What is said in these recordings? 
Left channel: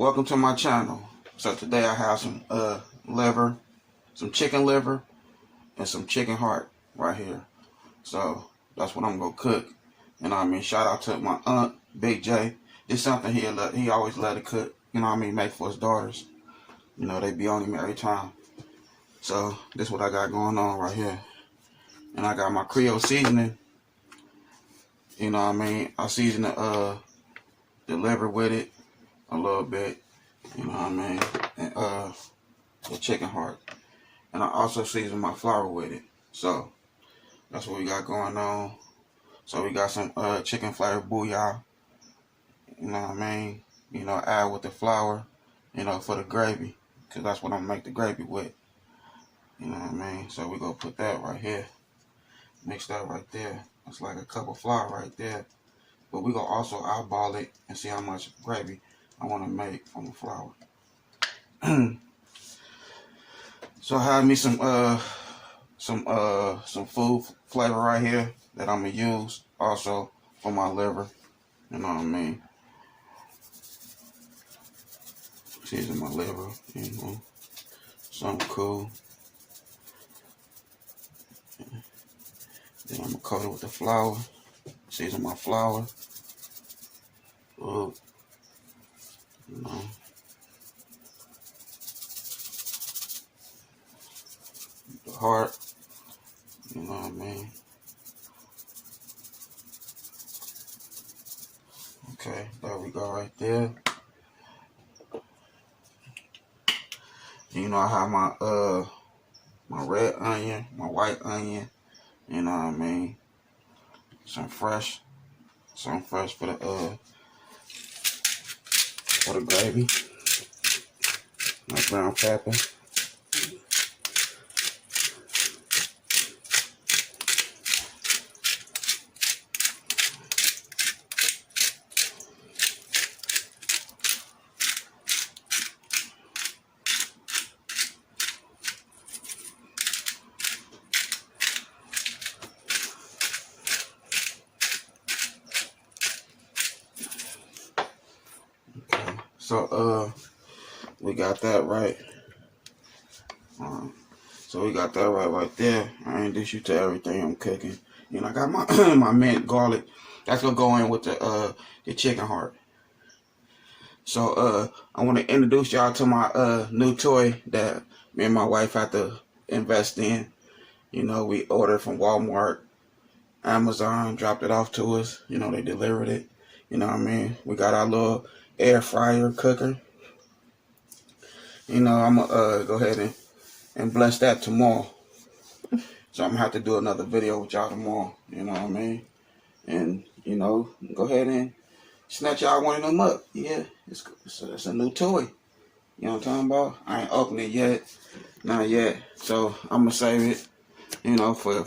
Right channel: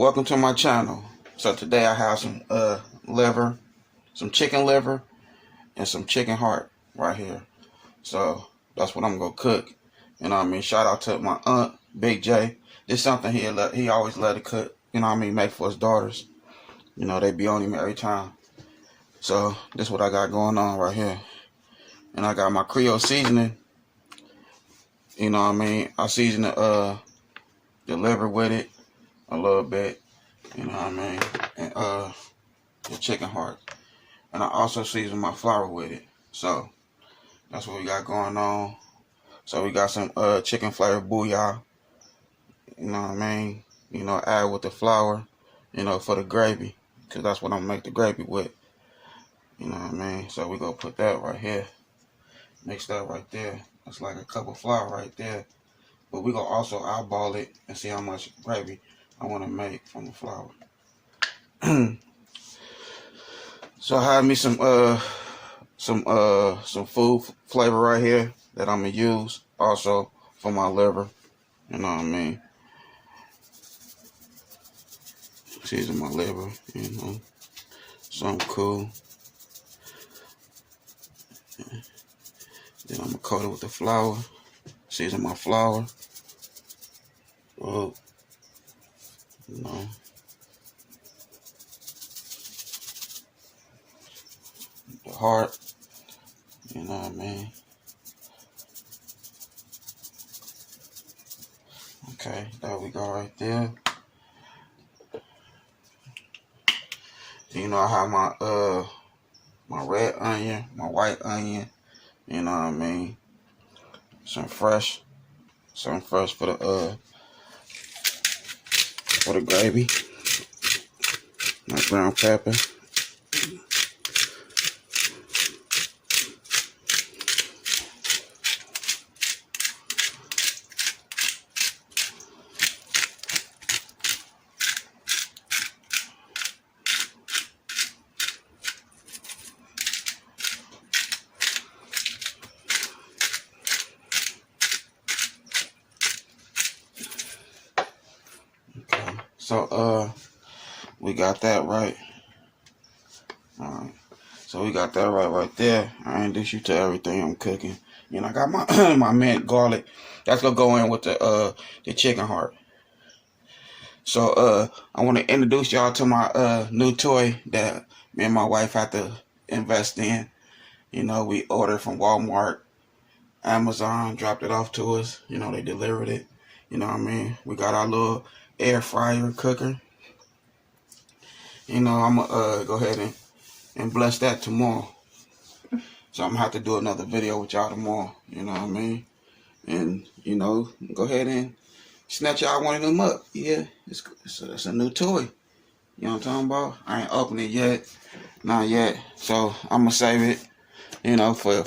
Welcome to my channel. So today I have some liver, some chicken liver, and some chicken heart right here. So that's what I'm gonna cook. You know what I mean? Shout out to my aunt, Big J. This is something he always let it cook. You know what I mean? Make for his daughters. You know, they be on him every time. So this is what I got going on right here. And I got my Creole seasoning. You know what I mean? I season the liver with it a little bit. You know what I mean? And the chicken heart. And I also season my flour with it. So that's what we got going on. So we got some chicken flavored bouillon. You know what I mean? You know, add with the flour, you know, for the gravy. Because that's what I'm gonna make the gravy with. You know what I mean? So we gonna put that right here. Mix that right there. That's like a cup of flour right there. But we gonna also eyeball it and see how much gravy I wanna make from the flour. So I have me some food flavor right here that I'm gonna use also for my liver. You know what I mean? Season my liver, you know, something cool. Then I'm gonna coat it with the flour. Season my flour. Oh, you know. The heart, you know what I mean? Okay, there we go right there. You know, I have my my red onion, my white onion, you know what I mean? Some fresh for the gravy. My brown pepper. So we got that right. So we got that right there. I introduce you to everything I'm cooking. You know, I got my my mint garlic. That's gonna go in with the chicken heart. So I want to introduce y'all to my new toy that me and my wife had to invest in. You know, we ordered from Walmart, Amazon, dropped it off to us. You know, they delivered it. You know what I mean? We got our little air fryer cooker. You know, I'm gonna go ahead and bless that tomorrow. So I'm gonna have to do another video with y'all tomorrow. You know what I mean? And you know, go ahead and snatch y'all one of them up. Yeah, it's a new toy. You know what I'm talking about? I ain't opened it yet, not yet. So I'm gonna save it. You know, for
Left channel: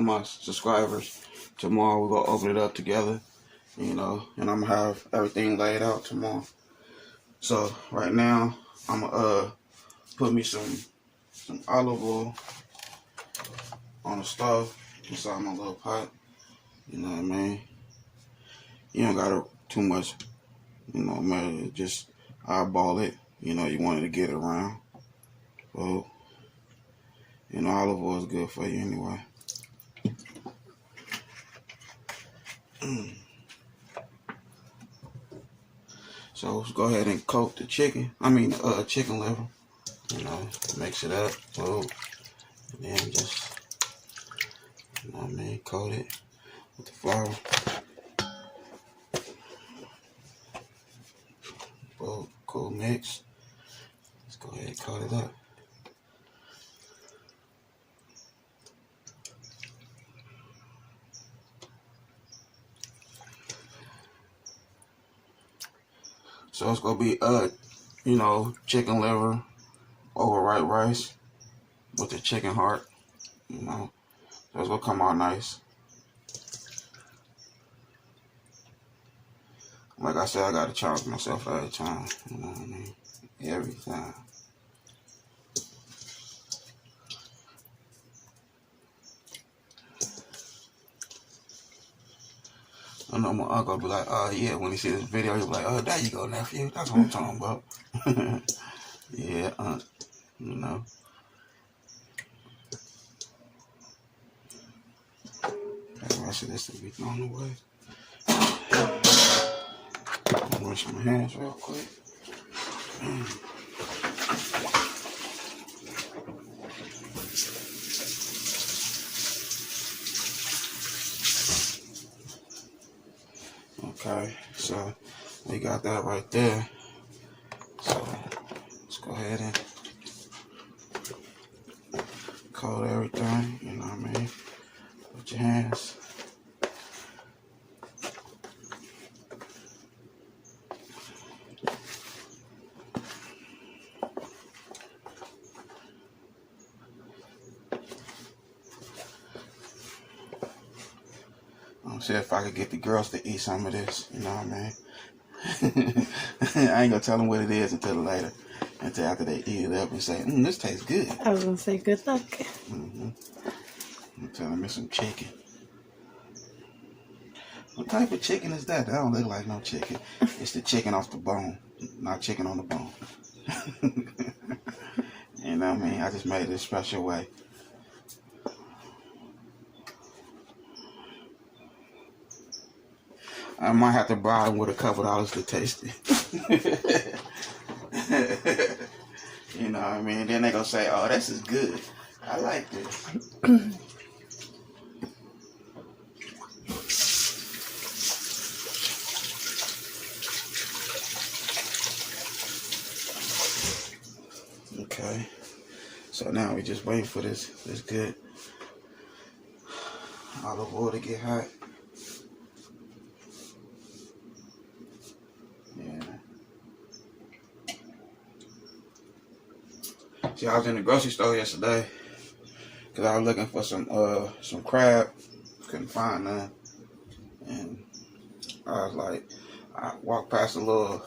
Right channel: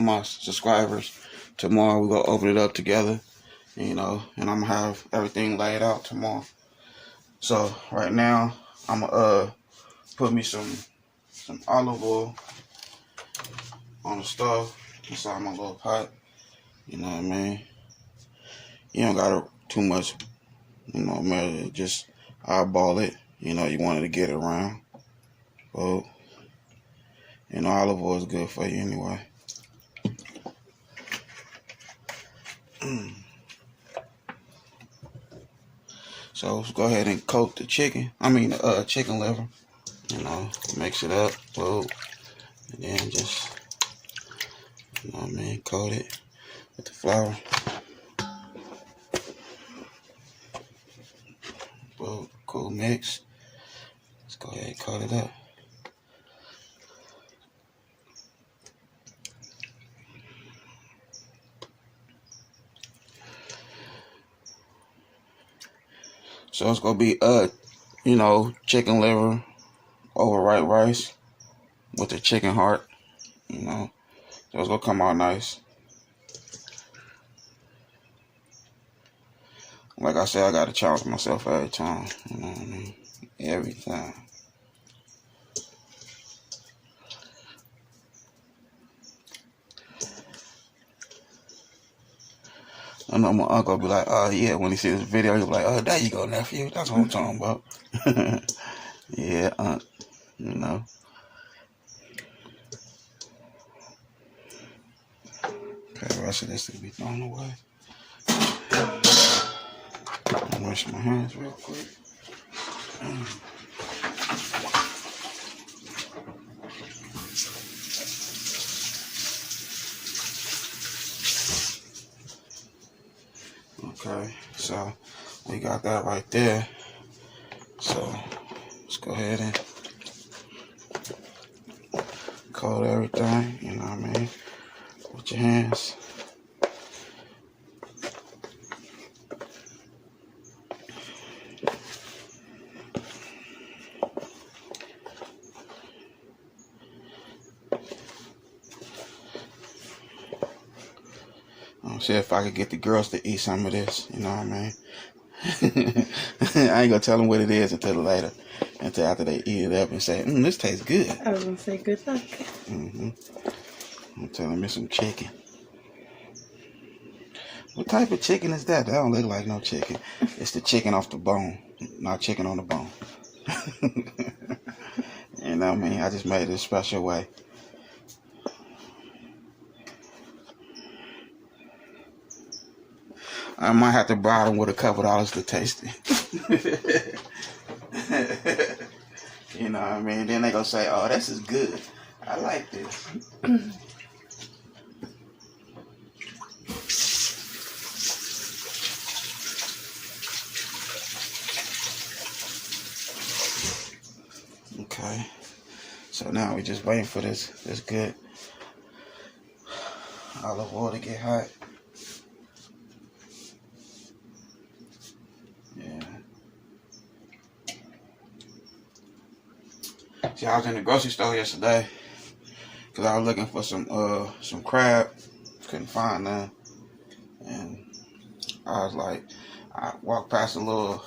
my subscribers. Tomorrow we gonna open it up together. You know, and I'm gonna have everything laid out tomorrow. So right now I'm gonna put me some olive oil on the stove inside my little pot. You know what I mean? You don't gotta too much, you know, matter. Just eyeball it. You know, you wanted to get it around. So, you know, olive oil is good for you anyway. So let's go ahead and coat the chicken. I mean, chicken liver. You know, mix it up. Whoa. And then just, you know what I mean, coat it with the flour. Whoa, cool mix. Let's go ahead and coat it up. So it's gonna be you know, chicken liver over white rice with the chicken heart. You know, so it's gonna come out nice. Like I said, I gotta challenge myself every time. You know what I mean? Every time. I know my uncle be like, oh yeah, when he see this video, he'll be like, oh, there you go, nephew. That's what I'm talking about. Yeah, you know. Okay, the rest of this will be thrown away. I'll wash my hands real quick. Okay, so we got that right there. So let's go ahead and coat everything, you know what I mean, with your hands. See if I could get the girls to eat some of this, you know what I mean? I ain't gonna tell them what it is until later, until after they eat it up and say, this tastes good. I was gonna say good luck. I'm telling me some chicken. What type of chicken is that? That don't look like no chicken. It's the chicken off the bone, not chicken on the bone. You know what I mean? I just made it a special way. I might have to buy them with a couple dollars to taste it. You know what I mean? Then they gonna say, oh, this is good. I like this. Okay. So now we just waiting for this good olive oil to get hot. See, I was in the grocery store yesterday because I was looking for some crab. Couldn't find none. And I was like, I walked past a little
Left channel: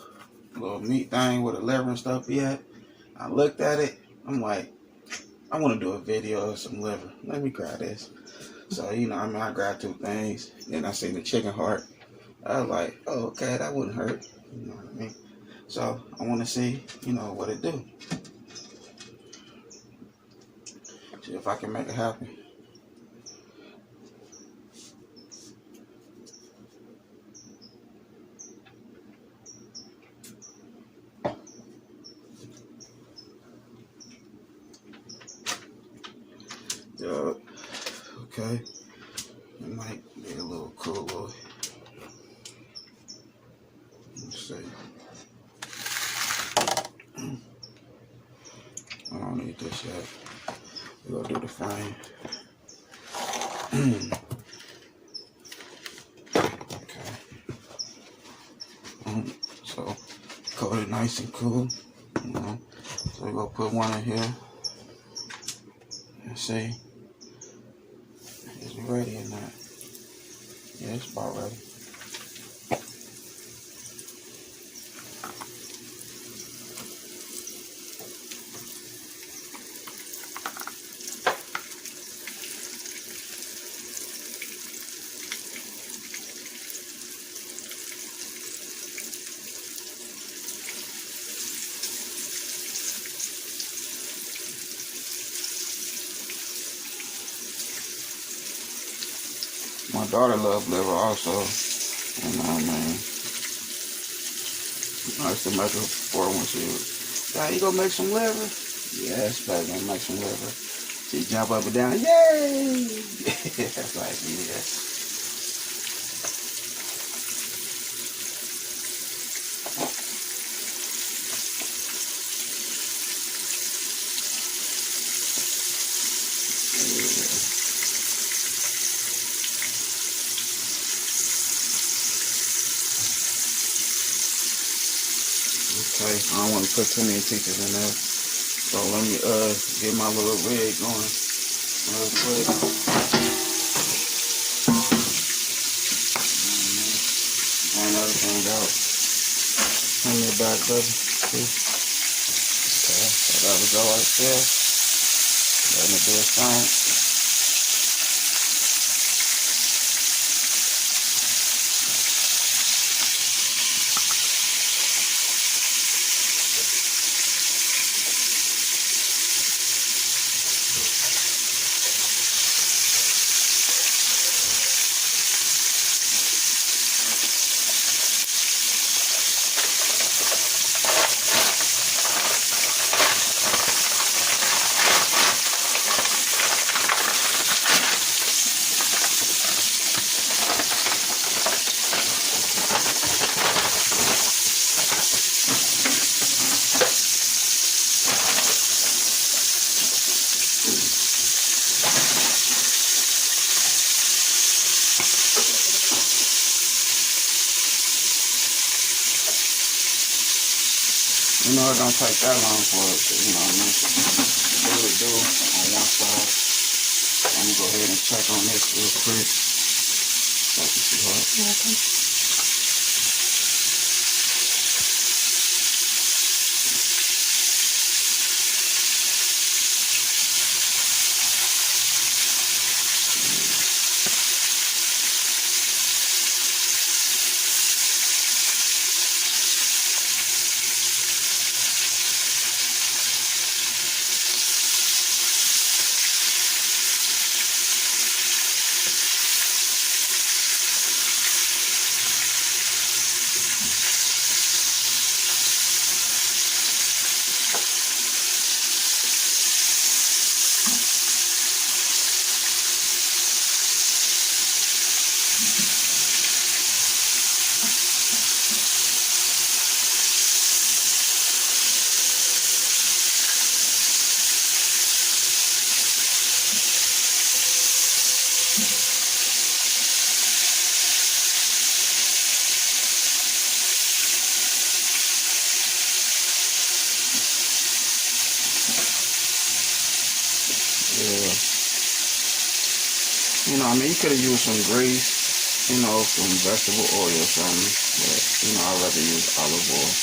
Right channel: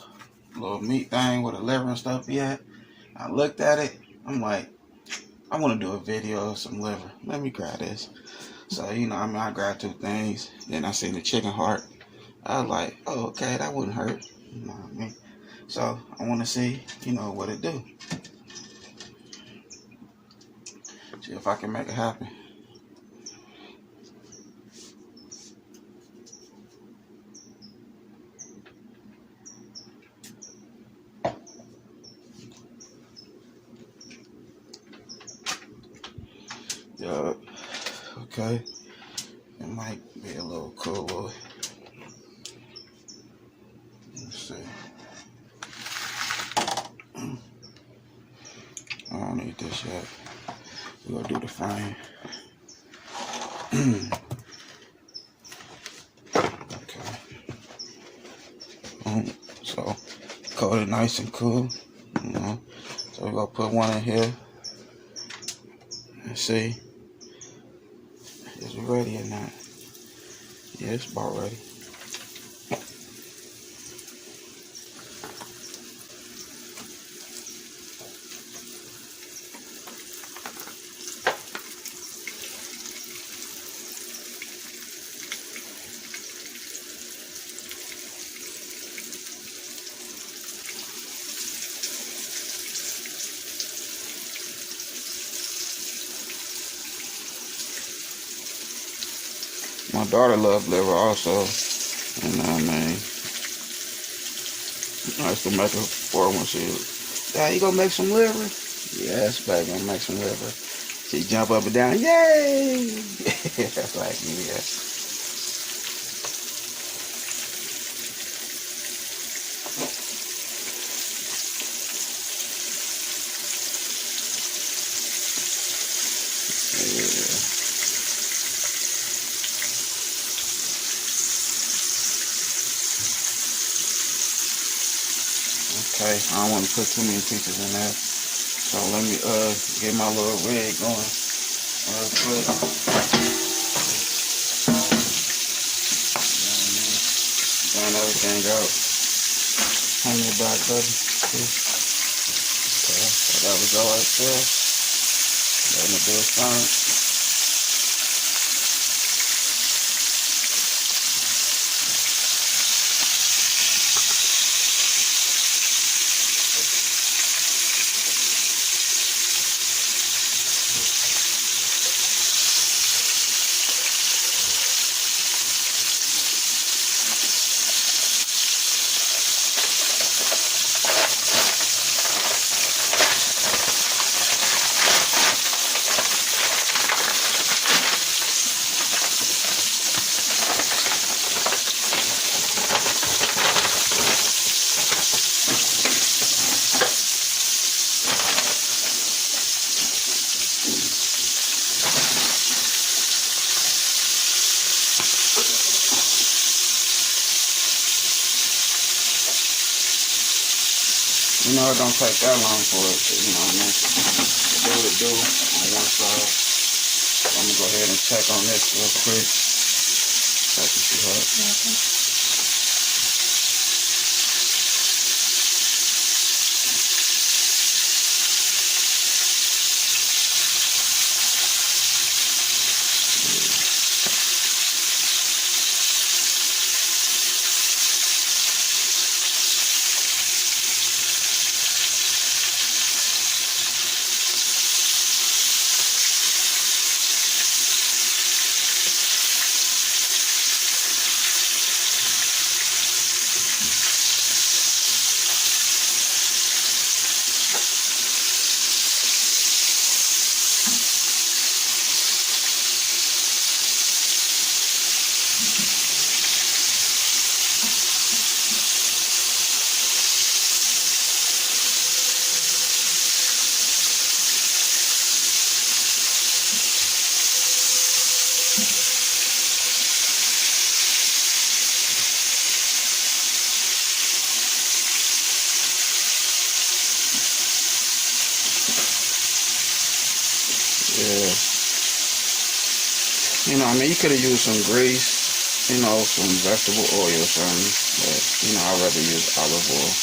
meat thing with a liver and stuff yet. I looked at it. I'm like, I want to do a video of some liver. Let me grab this. So, you know, I mean, I grabbed two things. Then I seen the chicken heart. I was like, oh, okay, that wouldn't hurt. You know what I mean? So I want to see, you know, what it do. See if I can make it happen. Yeah, okay. It might be a little cool. Let's see. I don't need this yet. We're gonna do the frying. Okay. So coat it nice and cool. You know. So we're gonna put one in here. And see. Is it ready or not? Yeah, it's about ready. My daughter loves liver also. You know what I mean? I used to make her for her when she was, yeah, you gonna make some liver? Yes, baby, I'm gonna make some liver. She jump up and down, yay! That's like, yes. Okay, I don't want to put too many pieces in that. So let me get my little rig going real quick. Drain everything out. Hand me back, baby. Okay, so that was all right there. Let me do a sign. You know, it don't take that long for it to, you know what I mean, to do what it do on one side. I'm gonna go ahead and check on this real quick. Thank you, sweetheart. You're welcome. Yeah. You know, I mean, you could have used some grease, you know, some vegetable oil or something, but, you know, I'd rather use olive oil.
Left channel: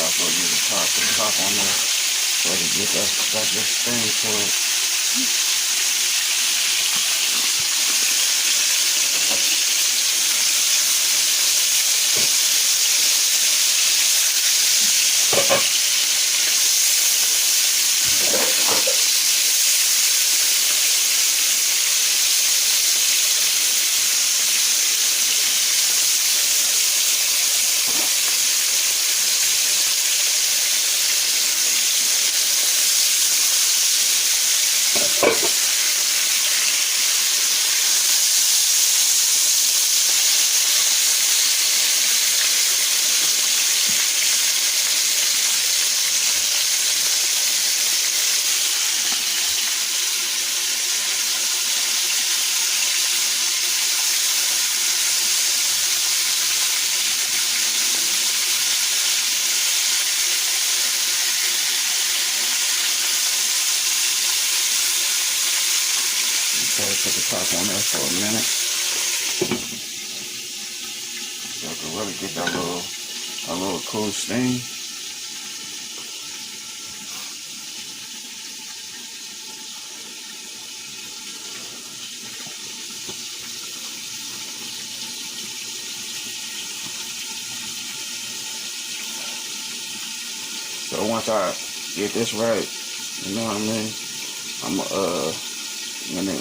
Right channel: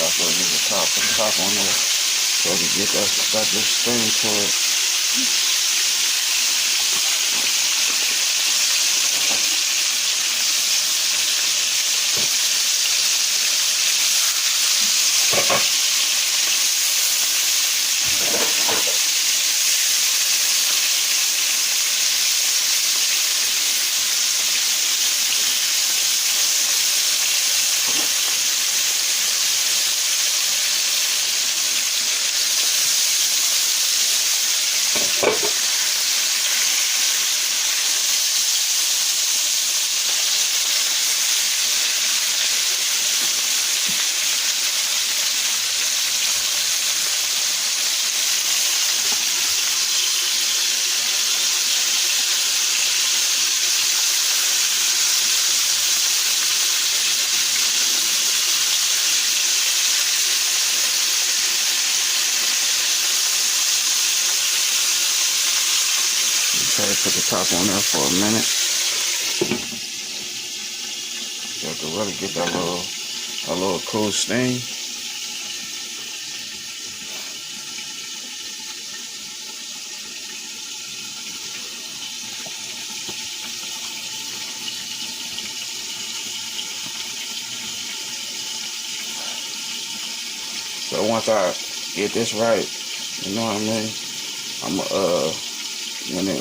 Also use the top on there so to get that good sting to it. Okay, put the top on there for a minute. You have to really get that little cool sting. So once I get this right, you know what I mean,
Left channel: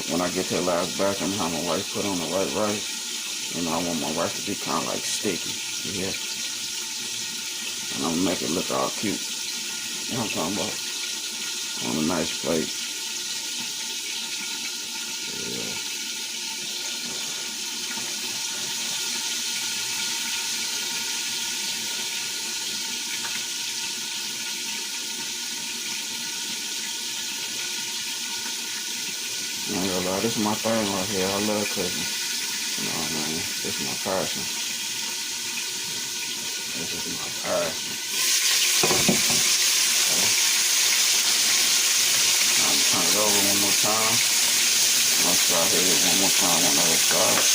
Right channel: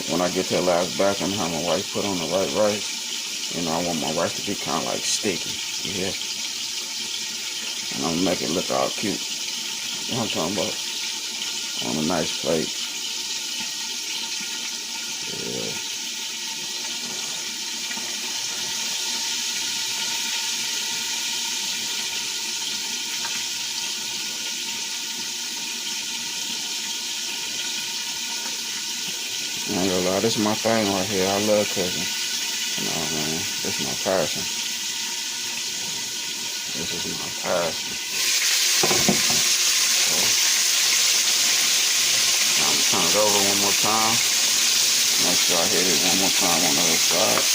when I get to the last batch and have my wife put on the right rice, you know, I want my rice to be kind of like sticky, yeah. And I'm gonna make it look all cute. You know what I'm talking about? On a nice plate. Yeah. I ain't gonna lie, this is my thing right here. I love cooking. You know, man, this is my passion. This is my passion. Okay. I'm gonna turn it over one more time. Make sure I hit it one more time on the other side.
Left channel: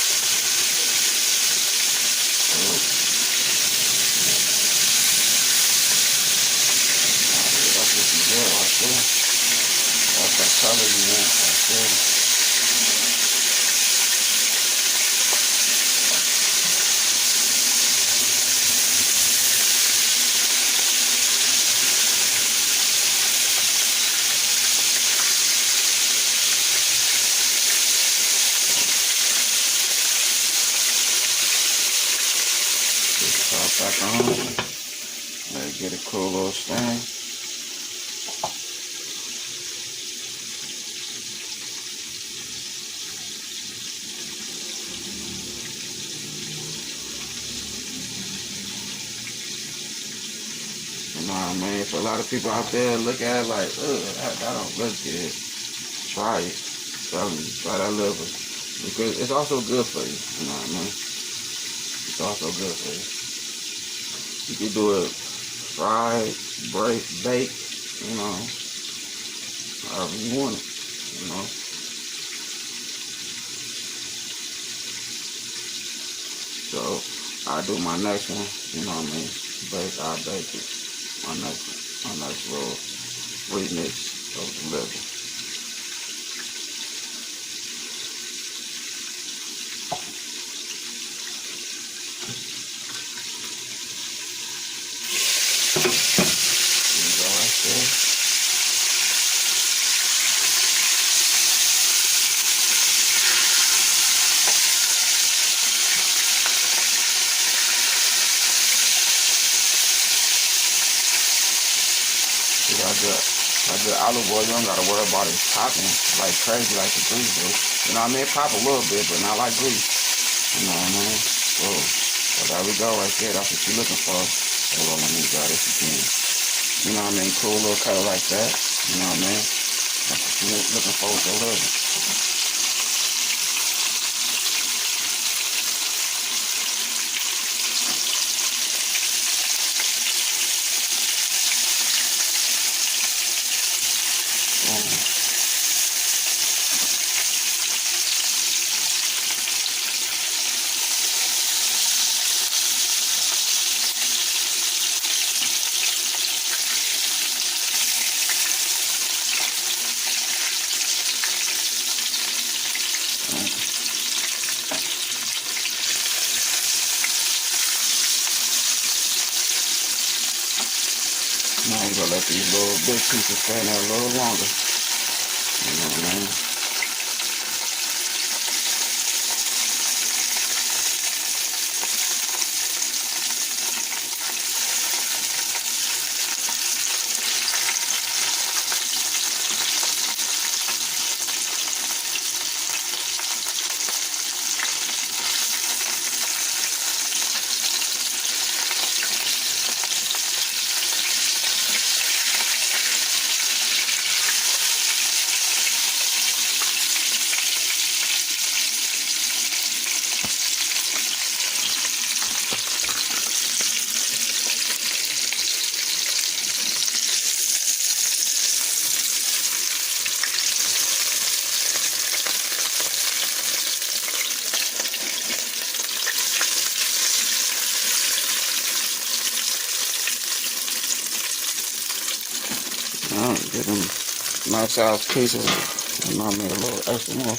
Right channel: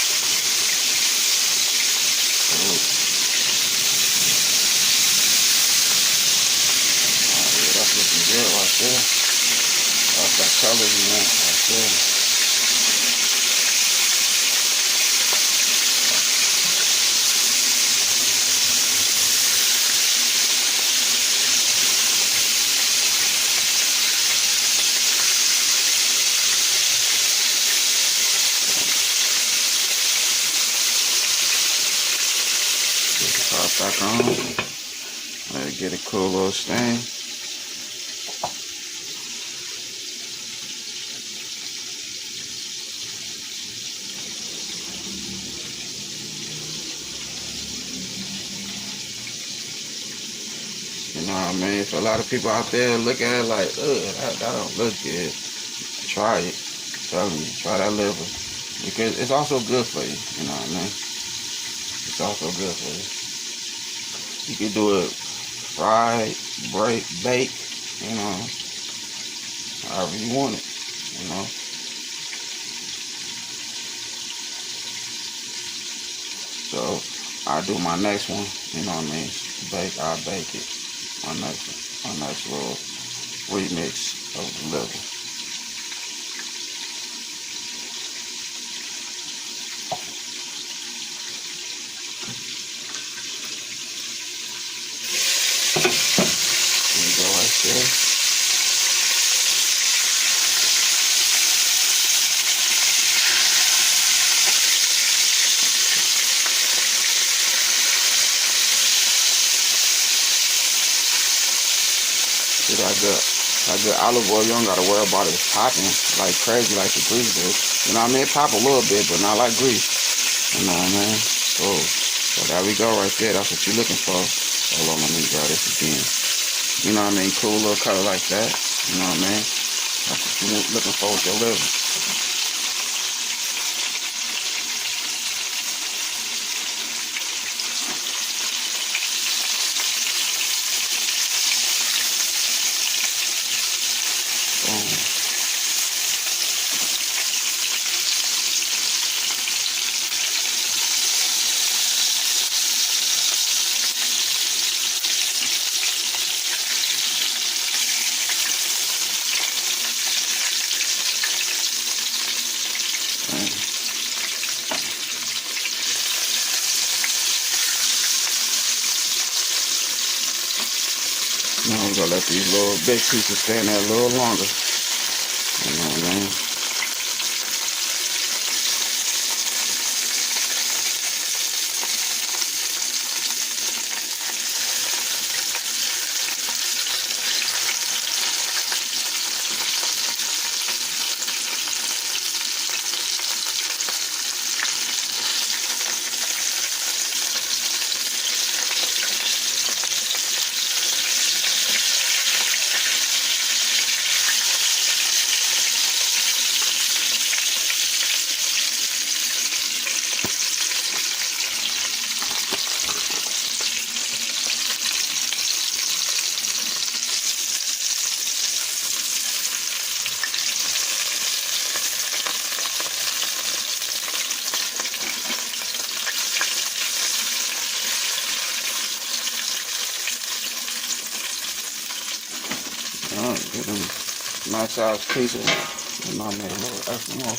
Good. That's looking good right there. That's that color you want right there. Get the top back on. Let it get a cool little stain. what I mean? If a lot of people out there look at it like, ugh, that don't look good, try it. Tell me, try that liver. Because it's also good for you, you know what I mean? It's also good for you. You can do it fried, bake, you know, however you want it, you know. So I do my next one, you know what I mean? I bake it. My next little remix of the liver. There you go right there. See that good olive oil, you don't gotta worry about it popping like crazy like the grease do. You know what I mean? It pop a little bit, but not like grease. You know what I mean? Cool. So there we go right there. That's what you're looking for. Hold on, let me grab this again. You know what I mean? Cool little color like that. You know what I mean? That's what you're looking for with your liver. Now you gotta let these little big pieces stay in there a little longer. You know what I mean? Alright, get them nice size pieces. And I made a little extra more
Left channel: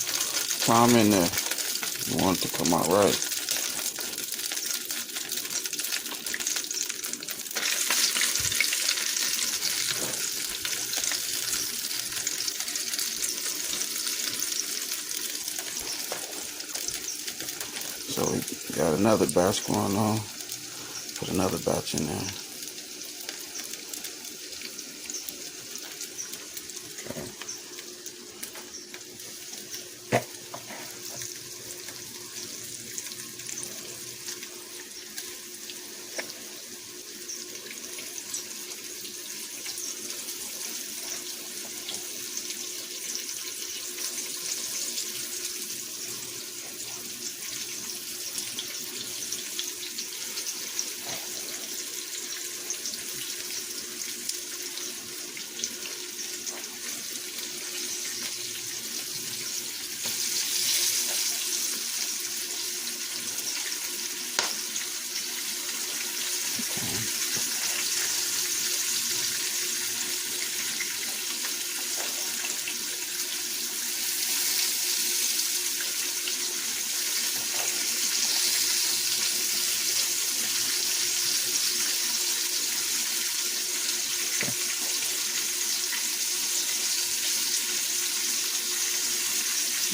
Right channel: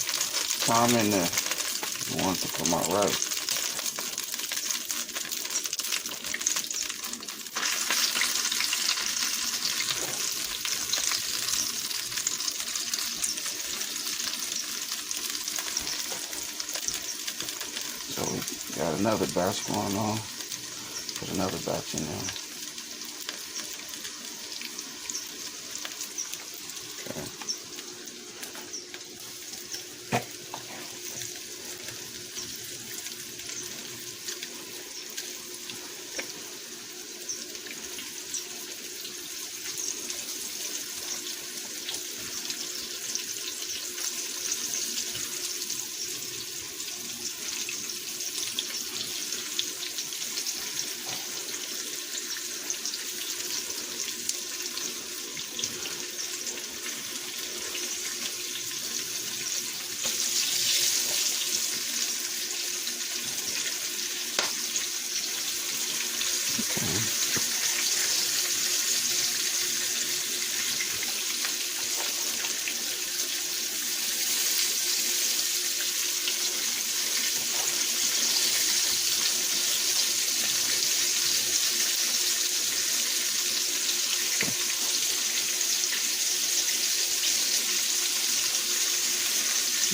time in there. You want it to come out right. So we got another batch going on. Put another batch in there. Okay.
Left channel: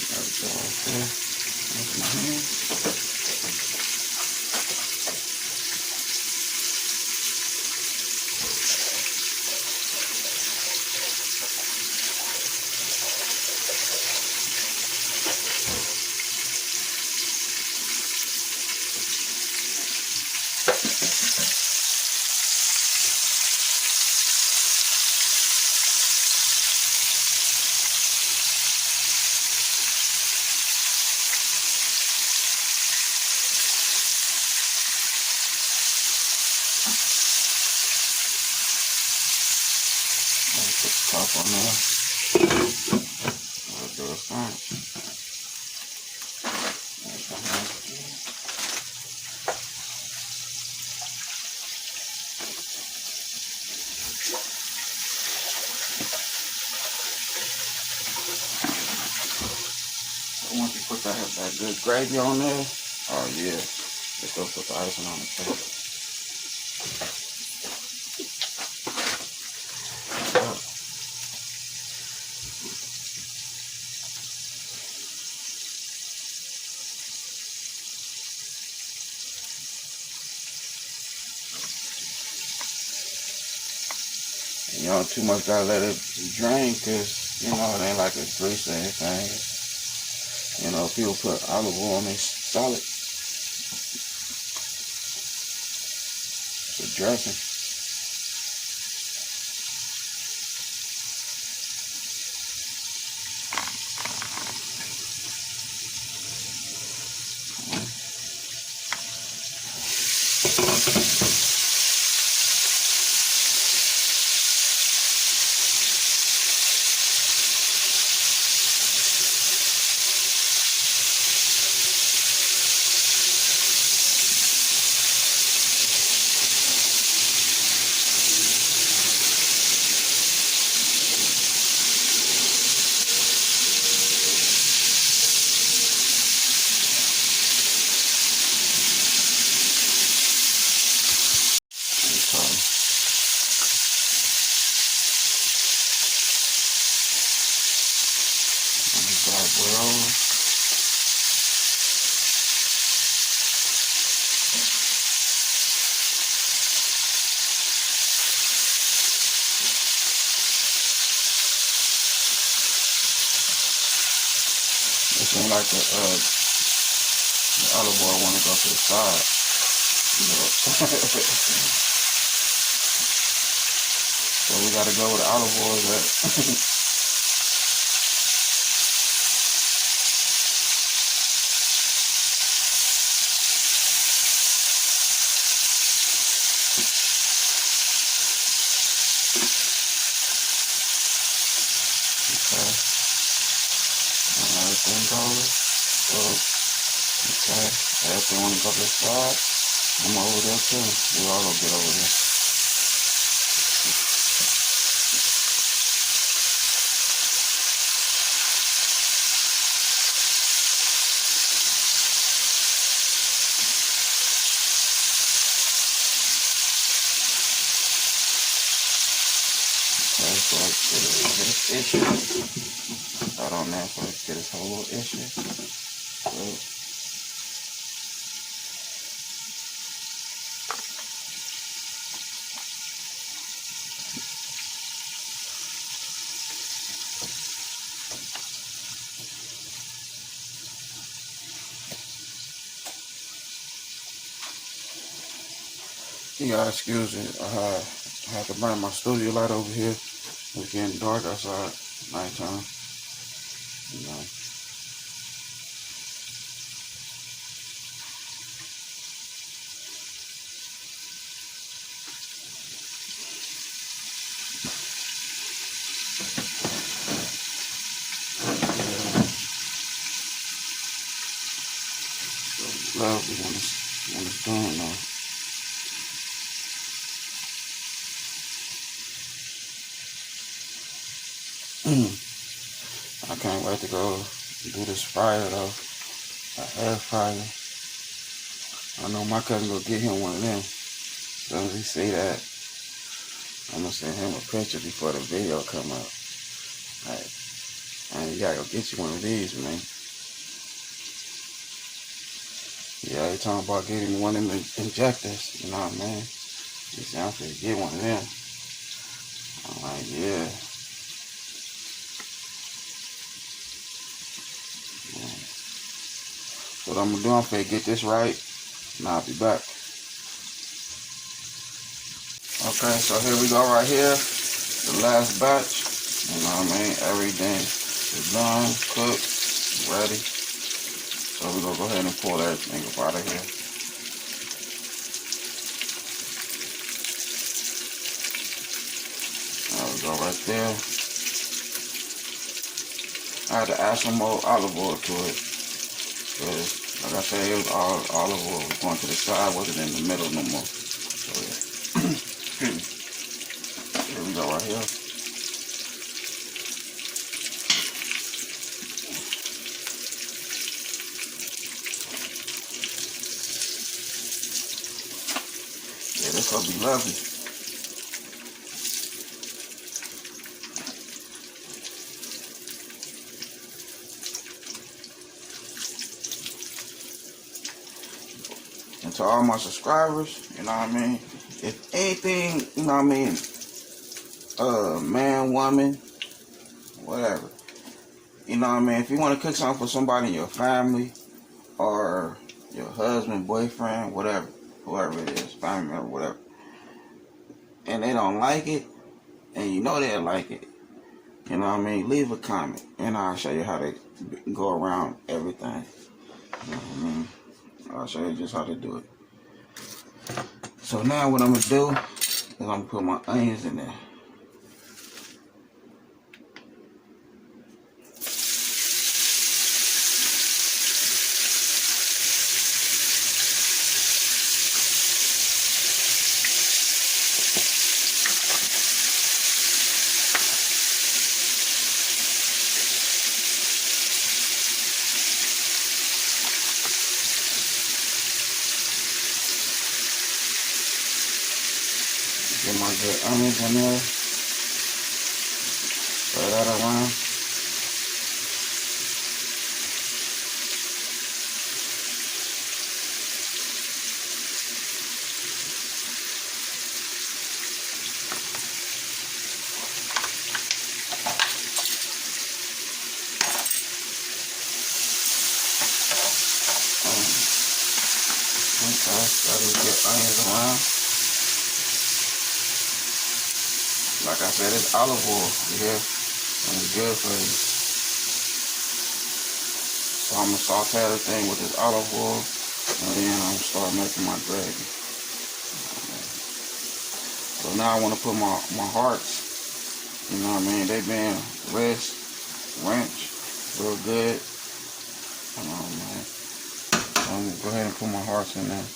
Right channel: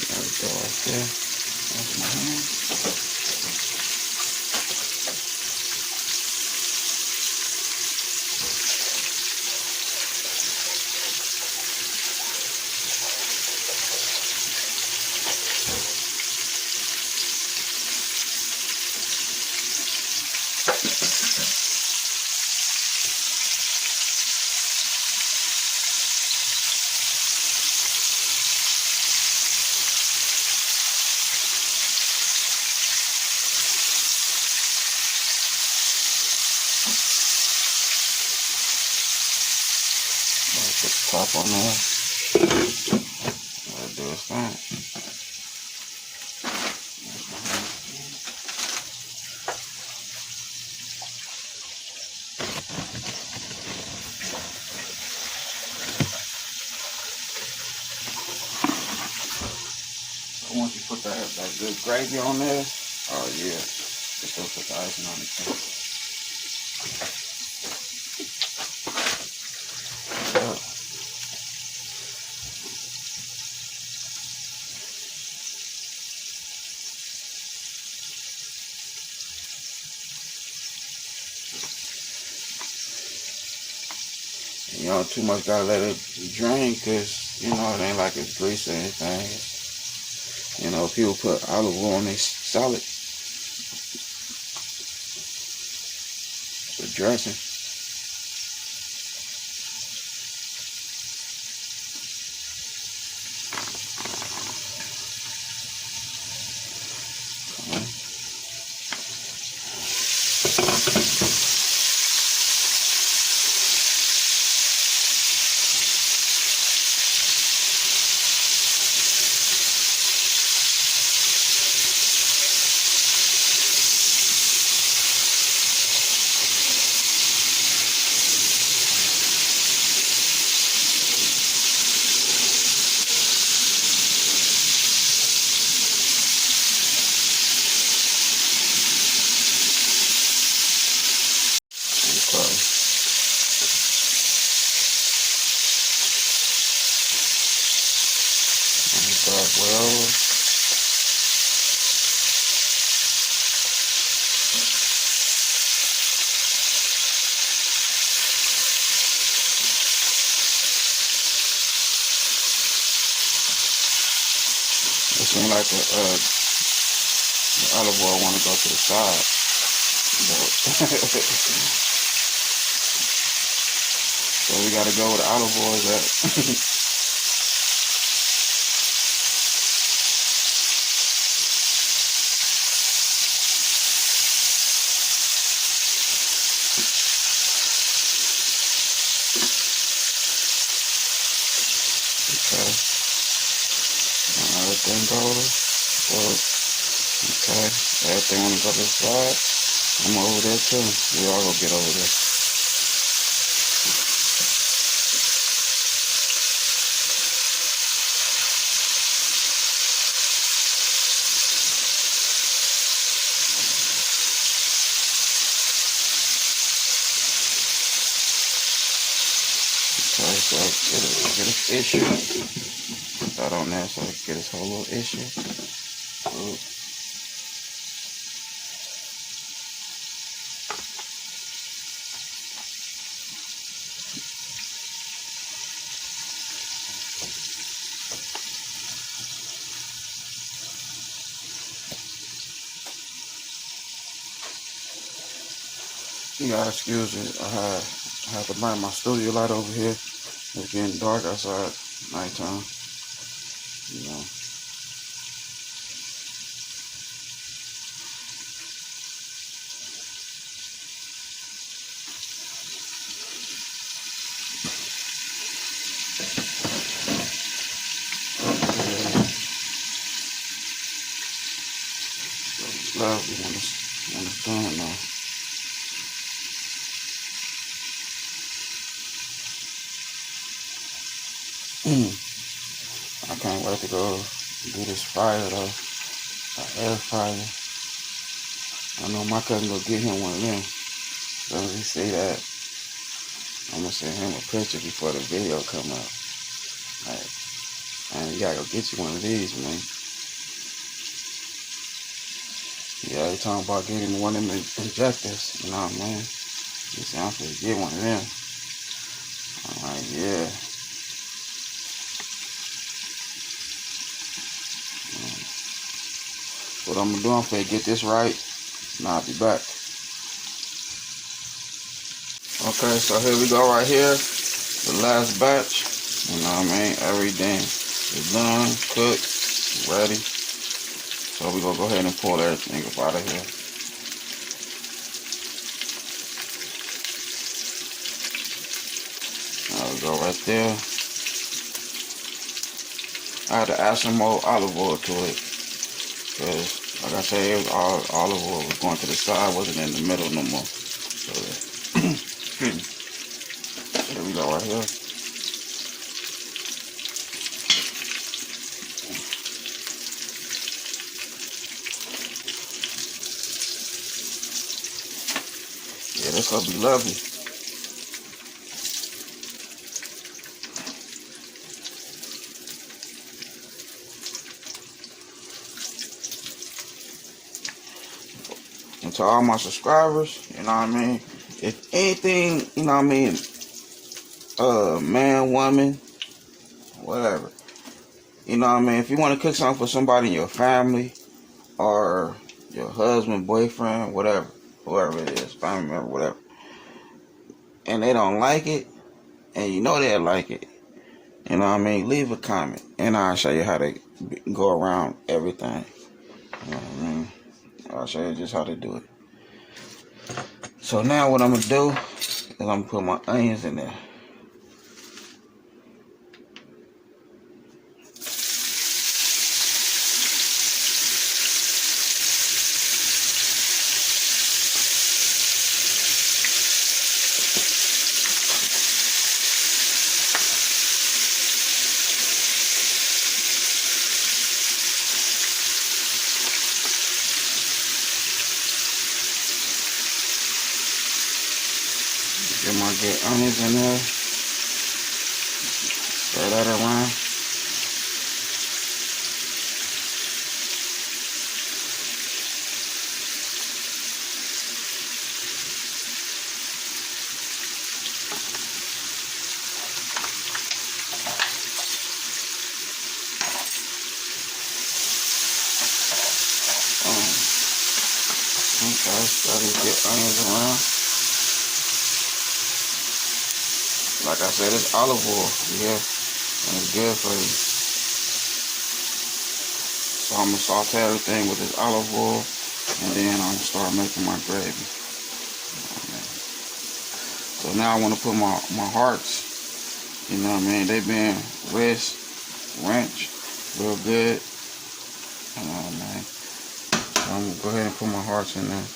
There we go right there. That's my hand. Put the top on there. That does that. So once you put that good gravy on there, oh yeah, just go put the icing on the top. You don't too much gotta let it drain, cause you know it ain't like it's greasy or anything. You know, people put olive oil on their salad. It's a dressing. Dark well. It seems like the olive oil want to go to the side. So we got to go with the olive oil that. Okay. And everything goes. Well, okay. Everything want to go to the side. I'm over there too. We all gonna get over there. Okay, so get this issue. That on there, so get this whole little issue. Good. You gotta excuse me. I have to burn my studio light over here. It's getting dark outside, nighttime. You know. So lovely when it's done now. I can't wait to go do this fryer though. An air fryer. I know my cousin gonna get him one of them. So as he say that, I'm gonna send him a picture before the video come out. Like, man, you gotta go get you one of these, man. Yeah, they talking about getting one of them injectors, you know what I mean? He said, I'm finna get one of them. I'm like, yeah. So what I'm gonna do, I'm finna get this right, and I'll be back. Okay, so here we go right here. The last batch. You know what I mean? Everything is done, cooked, ready. So we're gonna go ahead and pull everything up out of here. There we go right there. I had to add some more olive oil to it. Because, like I said, it was all olive oil was going to the side, wasn't in the middle no more. So, yeah. Here we go right here. Yeah, this gonna be lovely. And to all my subscribers, you know what I mean? If anything, you know what I mean, man, woman, whatever. You know what I mean? If you want to cook something for somebody in your family or your husband, boyfriend, whatever, whoever it is, family member, whatever, and they don't like it, and you know they'll like it, you know what I mean? Leave a comment, and I'll show you how to go around everything. You know what I mean? I'll show you just how to do it. So now what I'm going to do is I'm going to put my onions in there. Get my good onions in there. Stir that around. Okay, so we get onions around. Like I said, it's olive oil, yeah, and it's good for you. So I'm gonna saute everything with this olive oil, and then I'm gonna start making my gravy. So now I want to put my hearts, you know what I mean, they been wrench, real good, you know what I mean. So I'm gonna go ahead and put my hearts in there.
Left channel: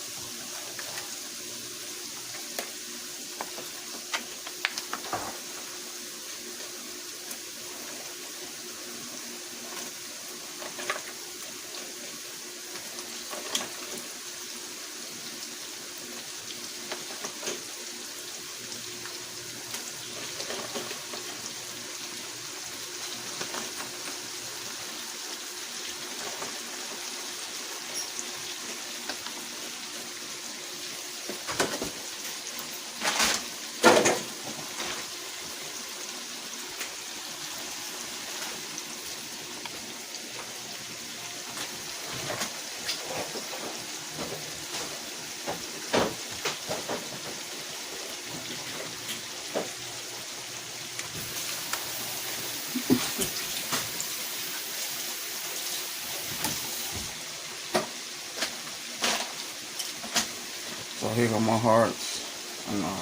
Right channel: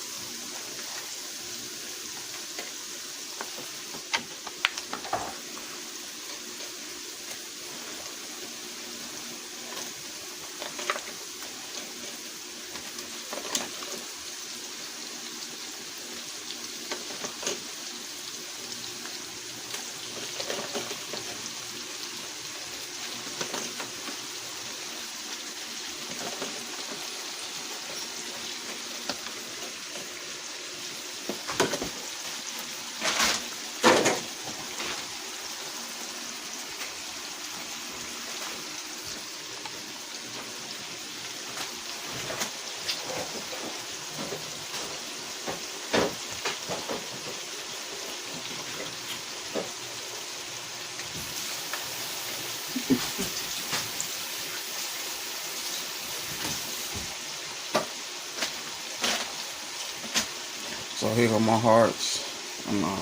So here are my hearts. I'm gonna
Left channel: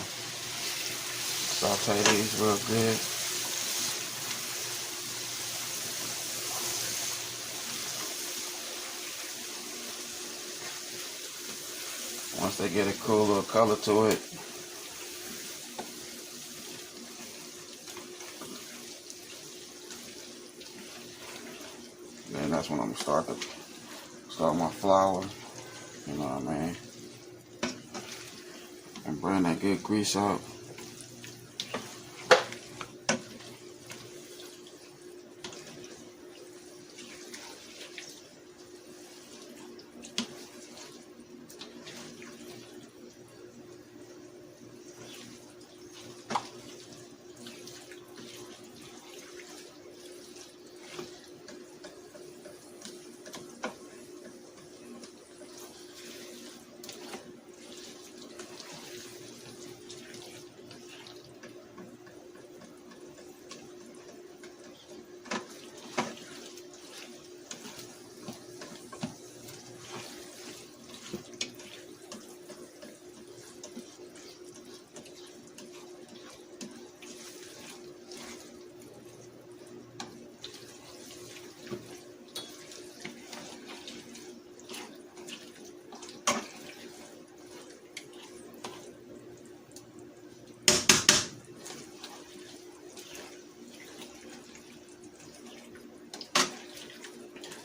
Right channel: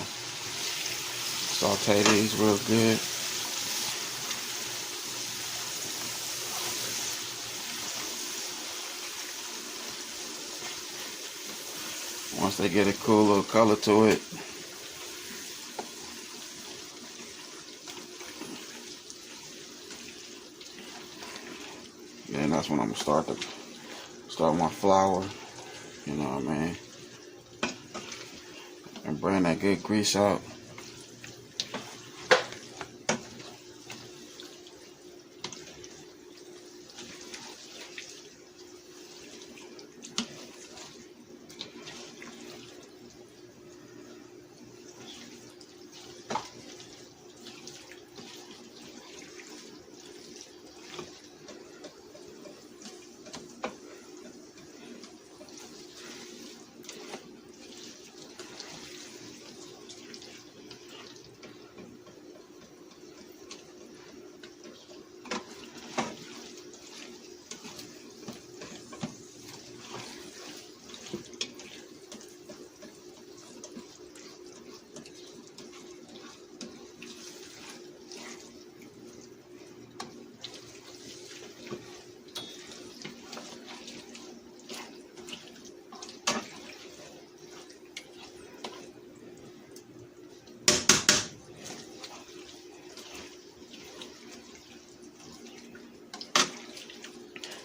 saute these real good. Once they get a cool little color to it, then that's when I'm gonna start my flour. You know what I mean? And bring that good grease out.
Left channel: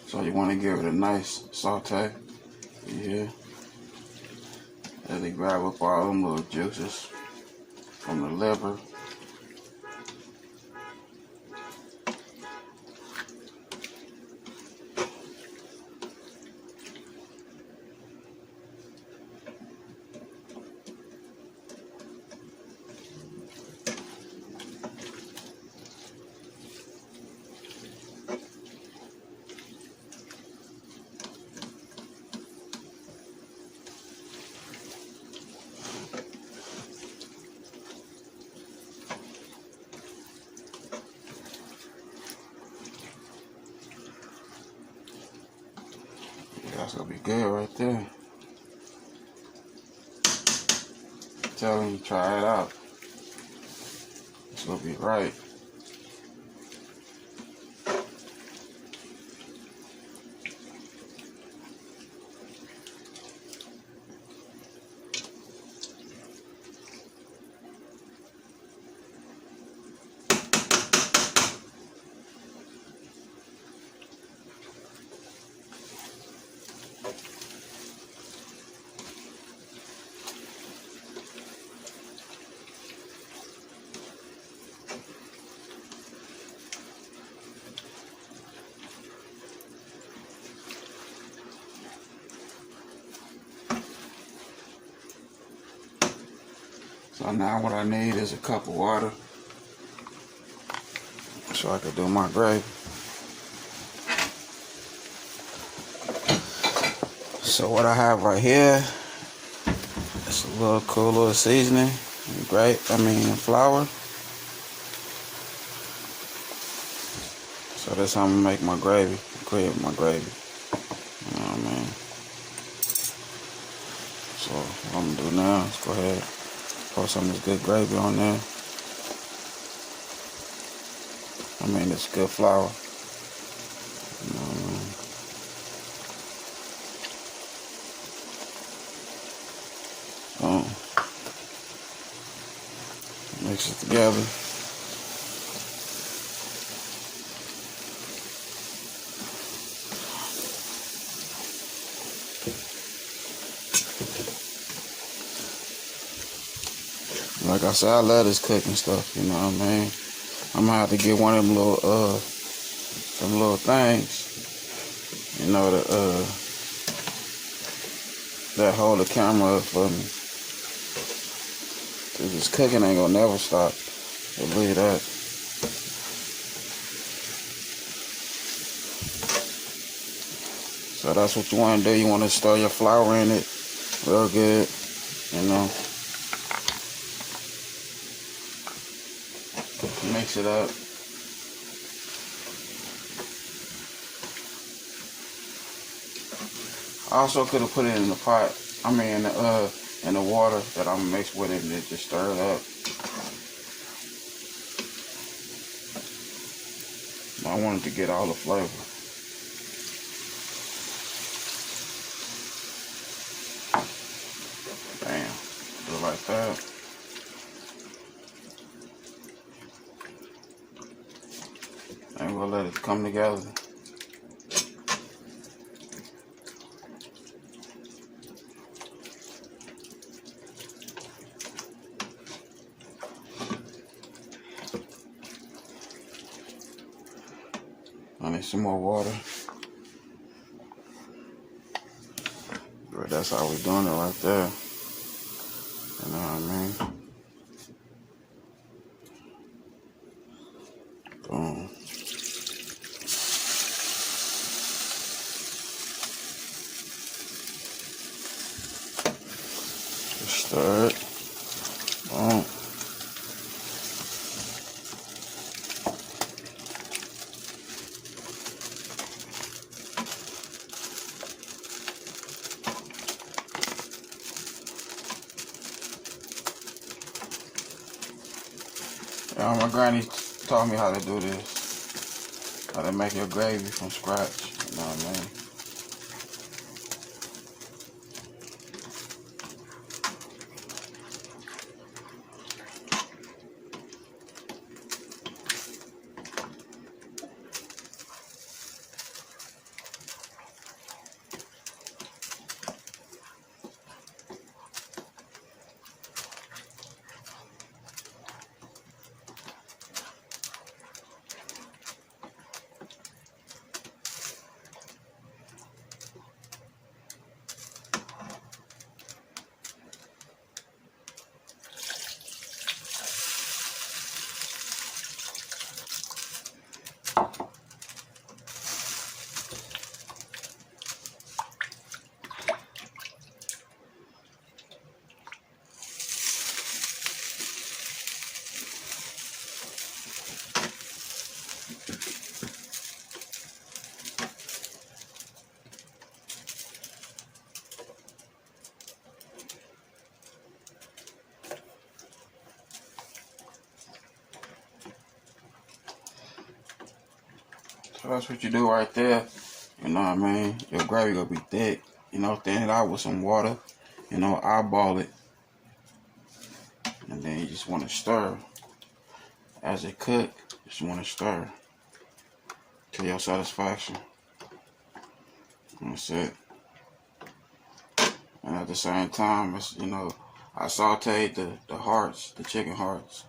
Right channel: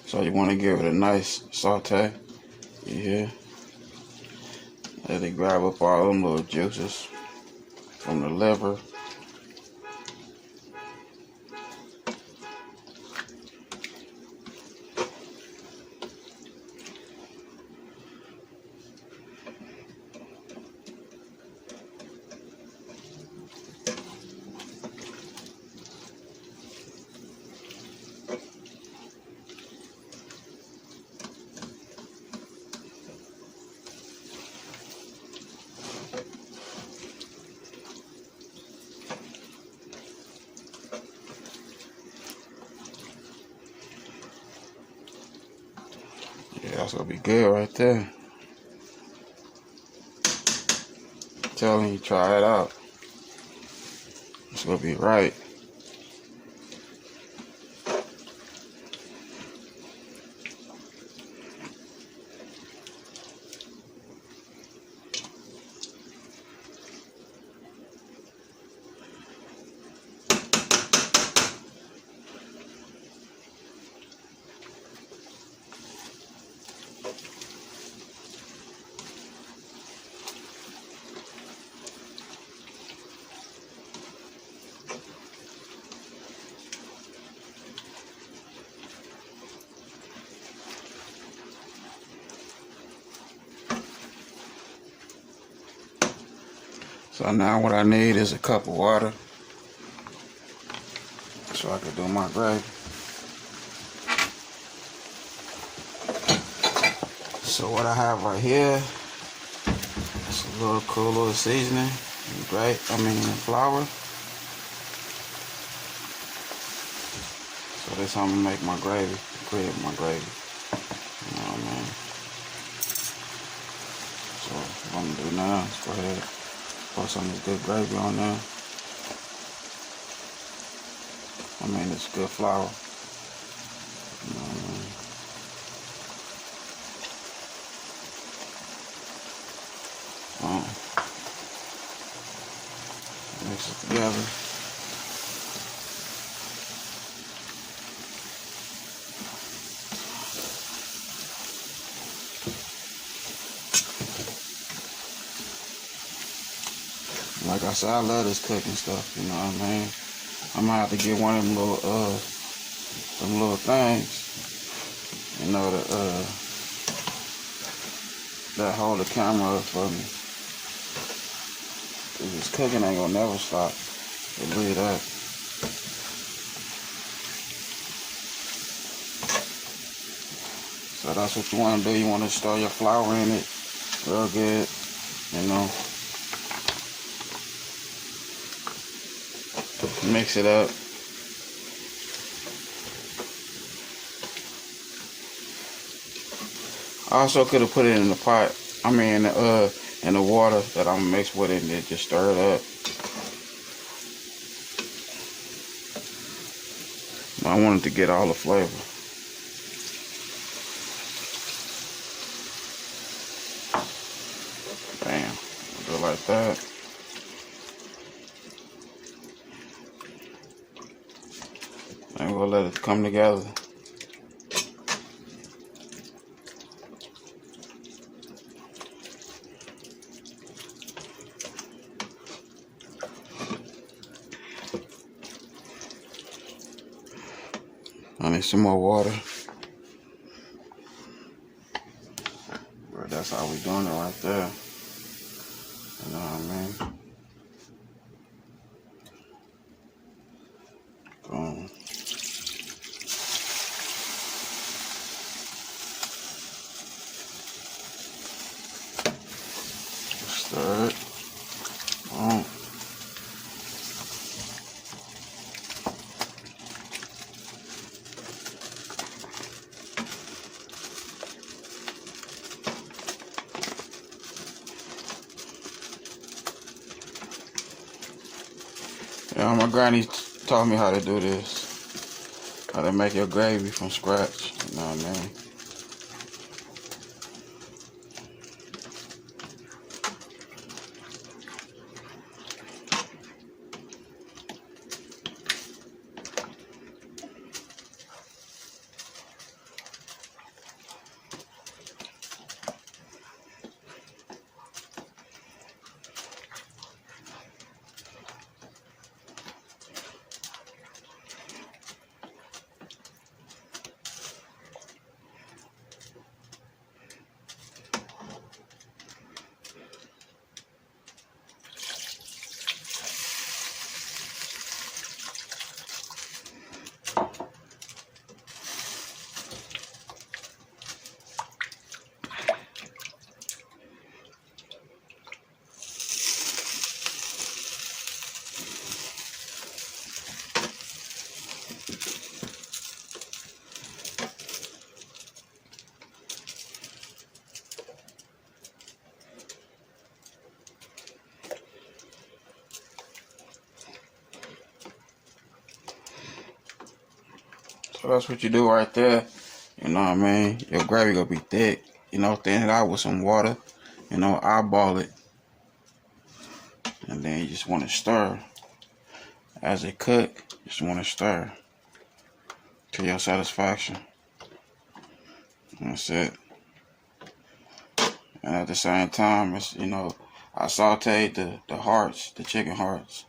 So you want to give it a nice saute. Yeah. Let it grab up all them little juices from the liver. Yeah, that's gonna be good right there. I'm telling you, try it out. It's gonna be right. So now what I need is a cup of water so I can do my gravy. So what I have right here is a little cool little seasoning, flour. So that's how I'm gonna make my gravy, create my gravy. You know what I mean? So what I'm gonna do now is go ahead, pour some of this good gravy on there. It's good flour. Mix it together. Like I said, I love this cooking stuff, you know what I mean? I'm gonna have to get one of them little things, you know, that hold the camera up for me. Cause this cooking ain't gonna never stop. Believe that. So that's what you wanna do. You wanna stir your flour in it real good, you know. Mix it up. I also could have put it in the pot. In the water that I'm gonna mix with it and just stir it up. I wanted to get all the flavor. Bam. Do it like that. And we'll let it come together. I need some more water. But that's how we doing it right there. You know what I mean? Boom. Stir it. Boom. Yeah, my granny taught me how to do this. How to make your gravy from scratch. You know what I mean? So that's what you do right there. You know what I mean? Your gravy gonna be thick. You know, thin it out with some water. You know, eyeball it. And then you just want to stir. As it cook, just want to stir to your satisfaction. That's it. And at the same time, it's, you know, I sauteed the hearts, the chicken hearts.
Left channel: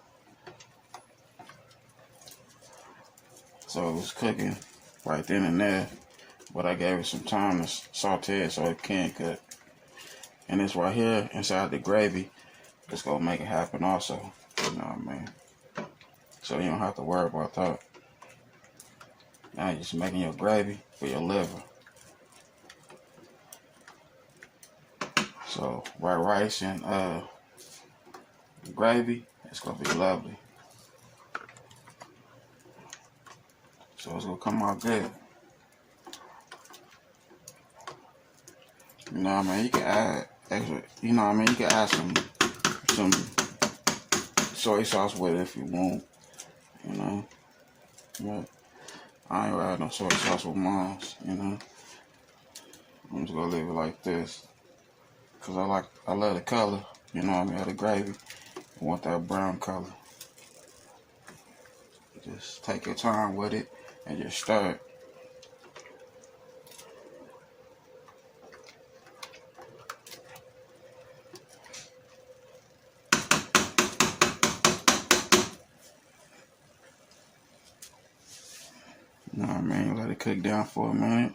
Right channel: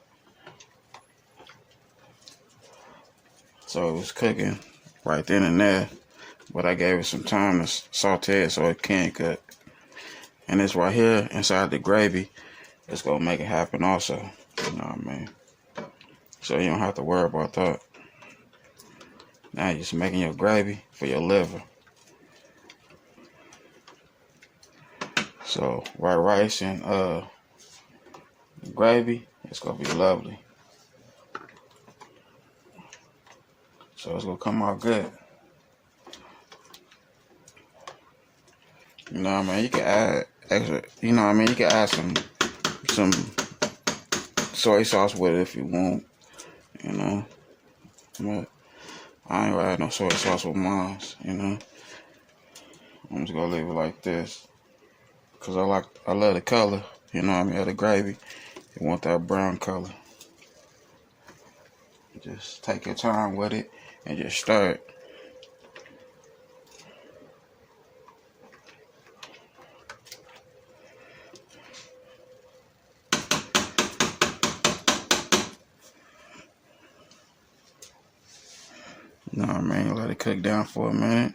So it was cooking right then and there, but I gave it some time to saute it so it can cook. And it's right here inside the gravy. It's gonna make it happen also. You know what I mean? So you don't have to worry about that. Now you're just making your gravy for your liver. So white rice and gravy, it's gonna be lovely. So it's gonna come out good. You know what I mean? You can add extra, you know what I mean? You can add some soy sauce with it if you want, you know. But I ain't gonna add no soy sauce with mine, you know. I'm just gonna leave it like this. Cause I love the color, you know what I mean, of the gravy. You want that brown color. Just take your time with it and just stir it. You know what I mean? Let it cook down for a minute.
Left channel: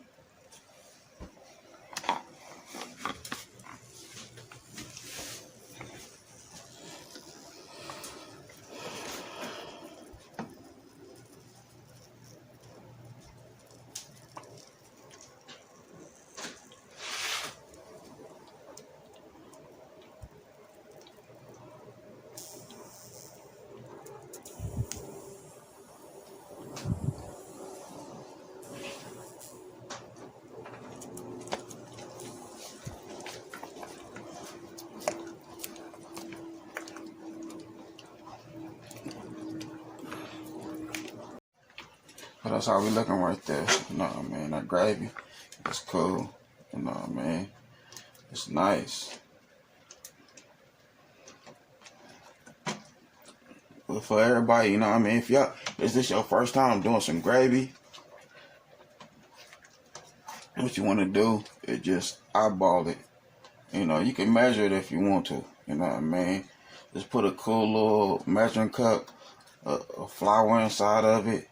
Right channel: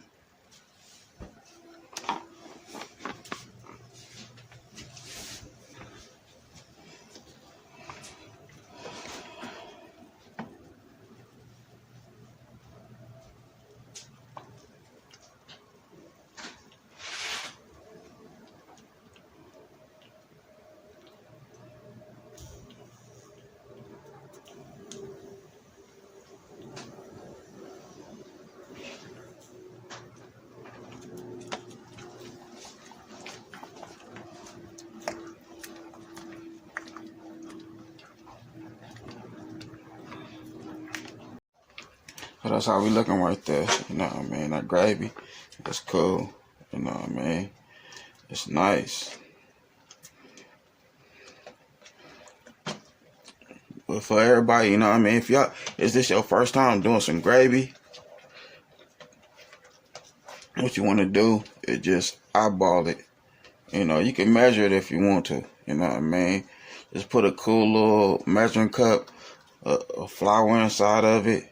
So that's how we looking right there. You know what I mean? That gravy, it's cool. You know what I mean? It's nice. But for everybody, you know what I mean? If y'all, is this your first time doing some gravy? What you want to do is just eyeball it. You know, you can measure it if you want to. You know what I mean? Just put a cool little measuring cup of flour inside of it.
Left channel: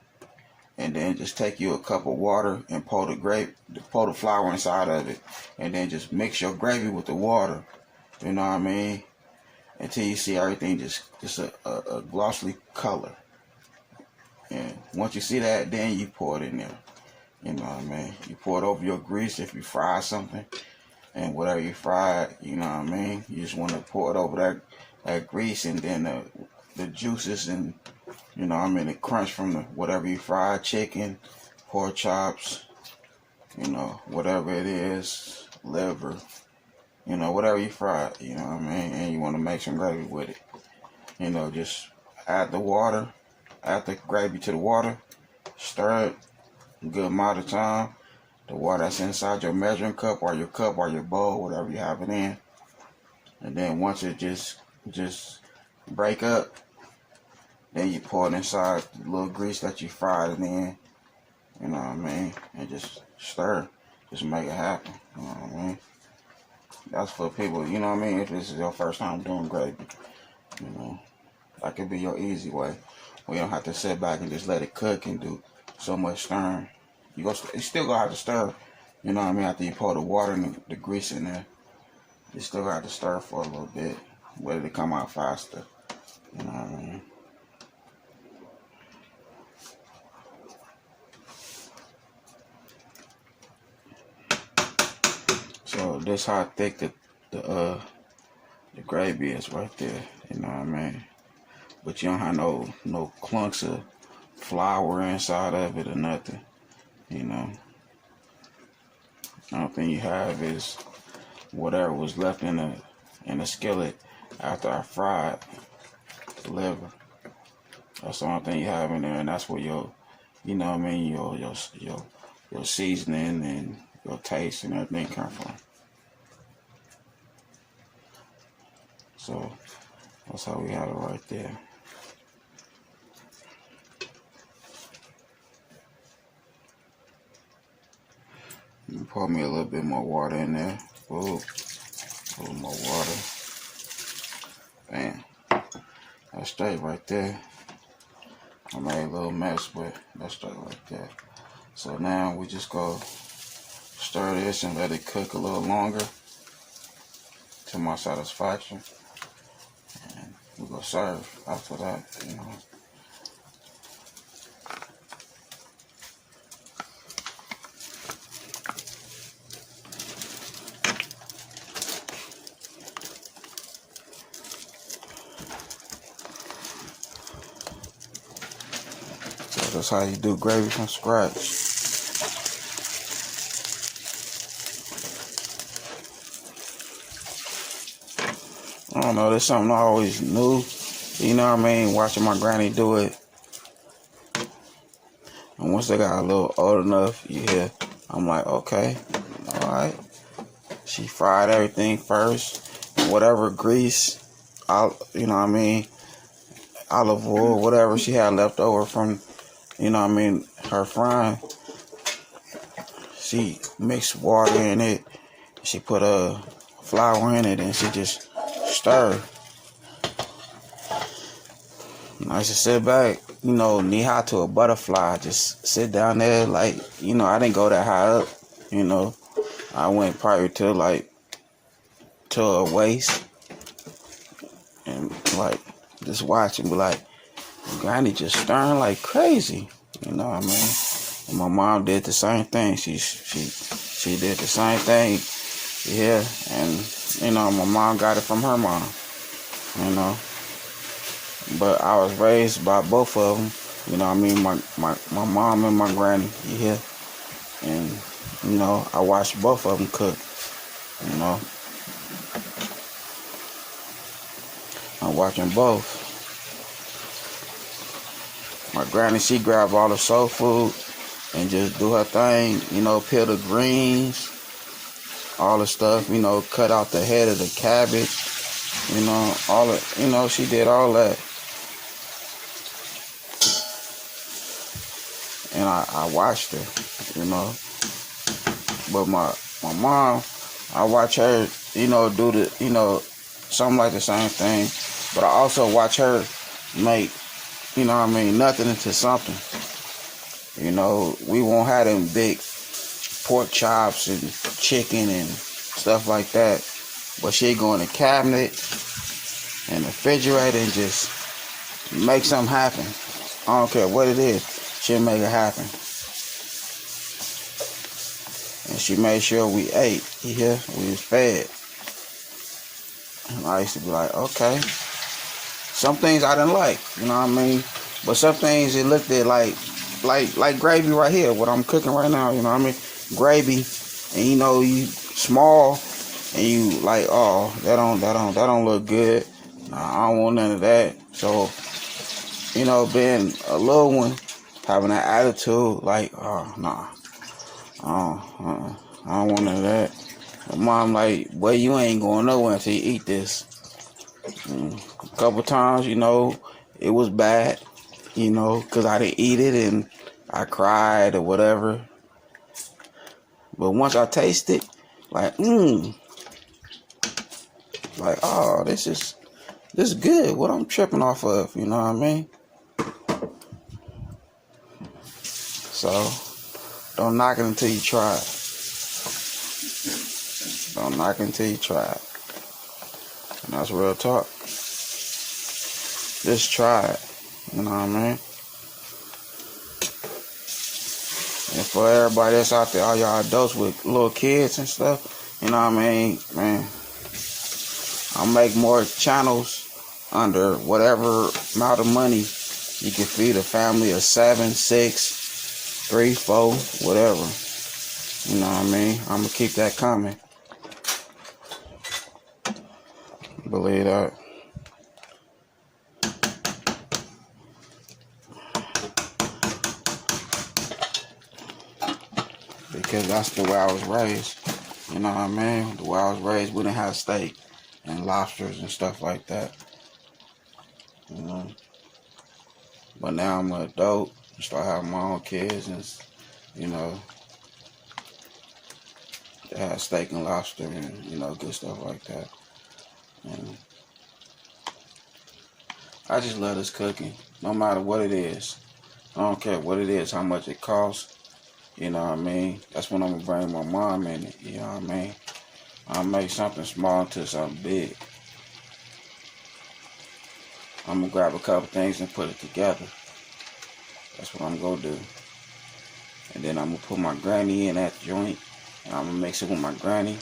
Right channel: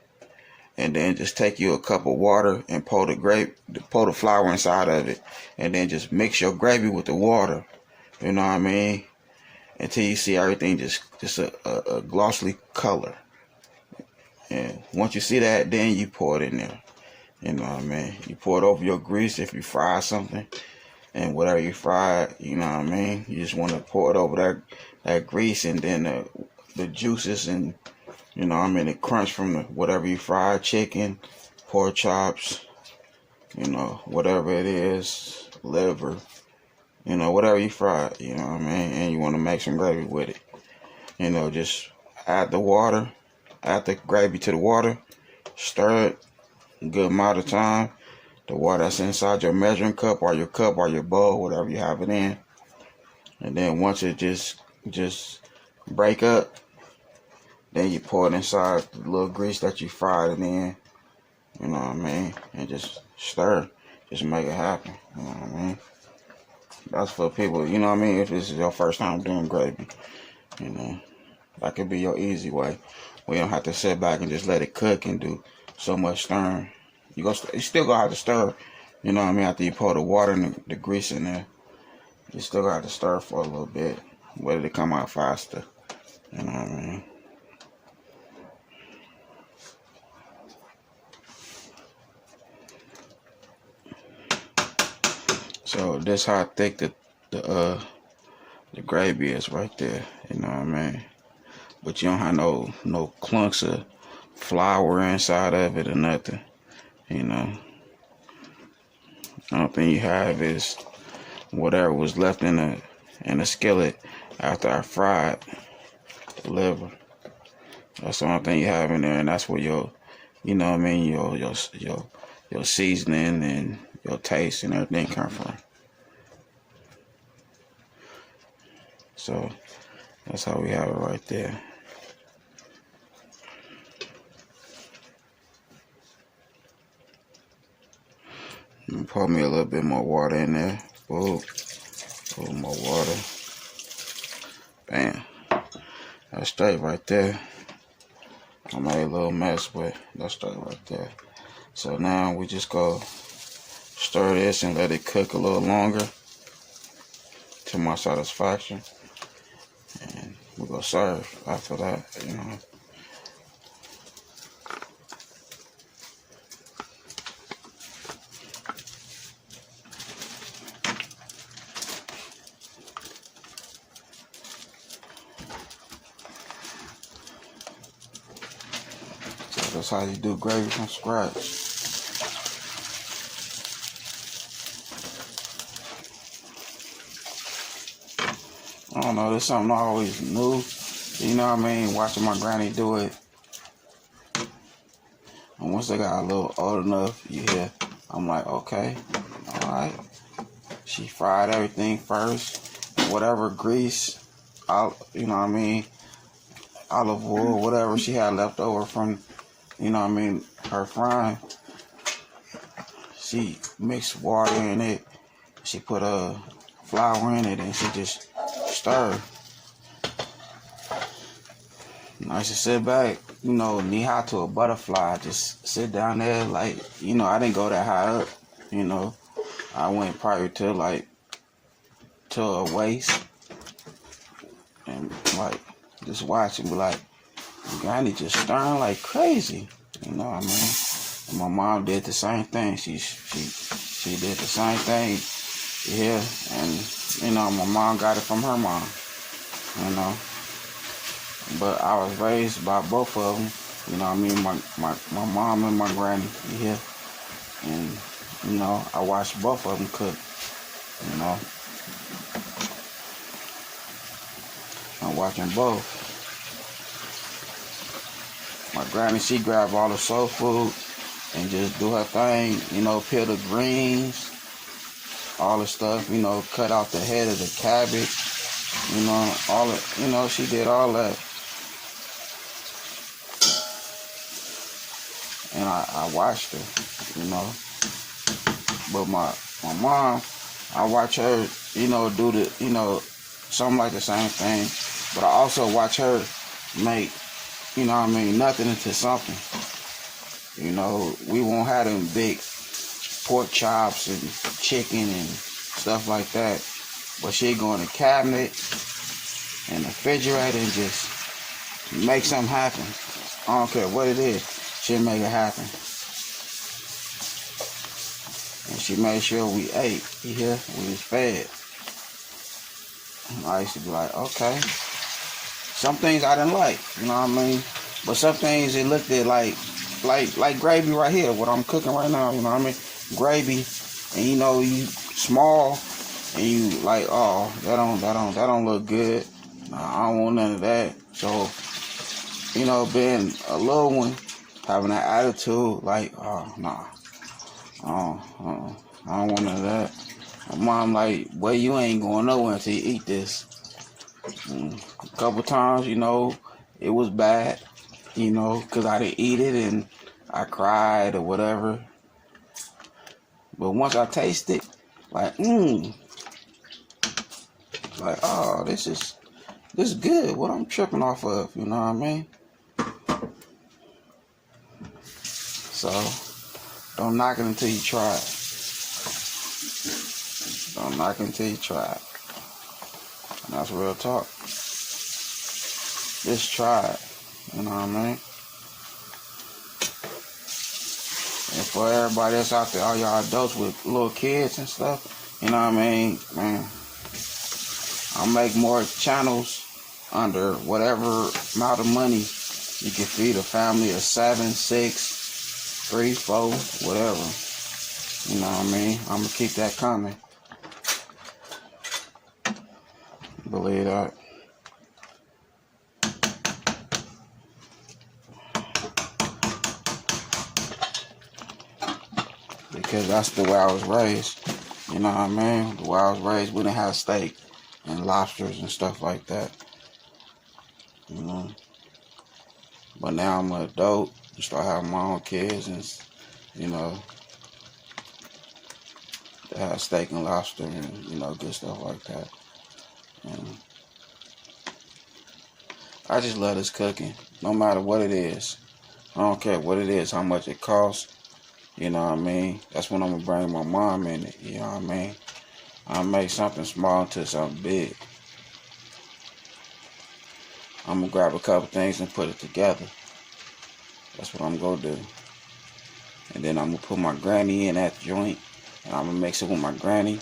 And then just take you a cup of water and pour the flour inside of it. And then just mix your gravy with the water. You know what I mean? Until you see everything just a glossy color. And once you see that, then you pour it in there. You know what I mean? You pour it over your grease if you fry something. And whatever you fry, you know what I mean? You just want to pour it over that grease, and then the juices and, you know what I mean, the crunch from whatever you fry, chicken, pork chops, you know, whatever it is, liver, you know, whatever you fry, you know what I mean? And you want to make some gravy with it. You know, just add the water, add the gravy to the water, stir it a good amount of time. The water that's inside your measuring cup or your bowl, whatever you have it in. And then once it just break up, then you pour it inside the little grease that you fried it in. You know what I mean? And just stir. Just make it happen. You know what I mean? That's for people, you know what I mean? If this is your first time doing gravy, you know, that could be your easy way. We don't have to sit back and just let it cook and do so much stirring. You still gonna have to stir, you know what I mean, after you pour the water and the grease in there. You still got to stir for a little bit, whether it come out faster. You know what I mean? So this how thick the gravy is right there. You know what I mean? But you don't have no clumps of flour inside of it or nothing. You know, the only thing you have is whatever was left in the skillet after I fried the liver. That's the only thing you have in there, and that's where your you know what I mean, your seasoning and your taste and everything come from. So that's how we have it right there. Pour me a little bit more water in there. Ooh, a little more water. Bam. That's straight right there. I made a little mess, but that's straight right there. So now we just go stir this and let it cook a little longer to my satisfaction. And we're gonna serve after that, you know. So that's how you do gravy from scratch. I don't know, there's something I always knew, you know what I mean, watching my granny do it. And once they got a little old enough, you hear, I'm like, okay, all right. She fried everything first, whatever grease, you know what I mean, olive oil, whatever she had left over from, you know what I mean, her frying. She mixed water in it, she put flour in it, and she just stirred. I used to sit back, you know, knee high to a butterfly, just sit down there, like, you know, I didn't go that high up, you know. I went probably to a waist, and like, just watch and be like, Granny just stirring like crazy, you know what I mean? And my mom did the same thing. She did the same thing, yeah. And you know, my mom got it from her mom, you know. But I was raised by both of them, you know what I mean? My mom and my granny, yeah. And you know, I watched both of them cook, you know. I'm watching both. My granny, she grab all the soul food and just do her thing, you know, peel the greens, all the stuff, you know, cut out the head of the cabbage, you know, all it, you know, she did all that. And I watched her, you know. But my mom, I watch her, you know, do the, you know, something like the same thing. But I also watch her make, you know what I mean, nothing into something. You know, we won't have them big pork chops and chicken and stuff like that. But she'd go in the cabinet and the refrigerator and just make something happen. I don't care what it is, she'll make it happen. And she made sure we ate, you hear? We was fed. And I used to be like, okay. Some things I didn't like, you know what I mean? But some things it looked at like gravy right here, what I'm cooking right now, you know what I mean? Gravy, and you know, you small, and you like, oh, that don't look good. Nah, I don't want none of that. So, you know, being a little one, having that attitude, like, oh, nah, I don't want none of that. My mom like, well, you ain't going nowhere until you eat this. A couple times, you know, it was bad, you know, because I didn't eat it and I cried or whatever. But once I tasted, like, like, oh, this is good. What I'm tripping off of, you know what I mean? So, don't knock it until you try it. Don't knock it until you try it. And that's real talk. Just try it. You know what I mean? And for everybody that's out there, all y'all adults with little kids and stuff, you know what I mean? Man, I'll make more channels under whatever amount of money you can feed a family of 7, 6, 3, 4, whatever. You know what I mean? I'm going to keep that coming. Believe that. because that's the way I was raised. You know what I mean? The way I was raised, we didn't have steak and lobsters and stuff like that. You know. But now I'm an adult, start having my own kids, and you know, they have steak and lobster and good stuff like that. And I just love this cooking, no matter what it is. I don't care what it is, how much it costs. You know what I mean? That's when I'm gonna bring my mom in it. You know what I mean? I make something small into something big. I'm gonna grab a couple things and put it together. That's what I'm gonna do. And then I'm gonna put my granny in that joint, and I'm gonna mix it with my granny,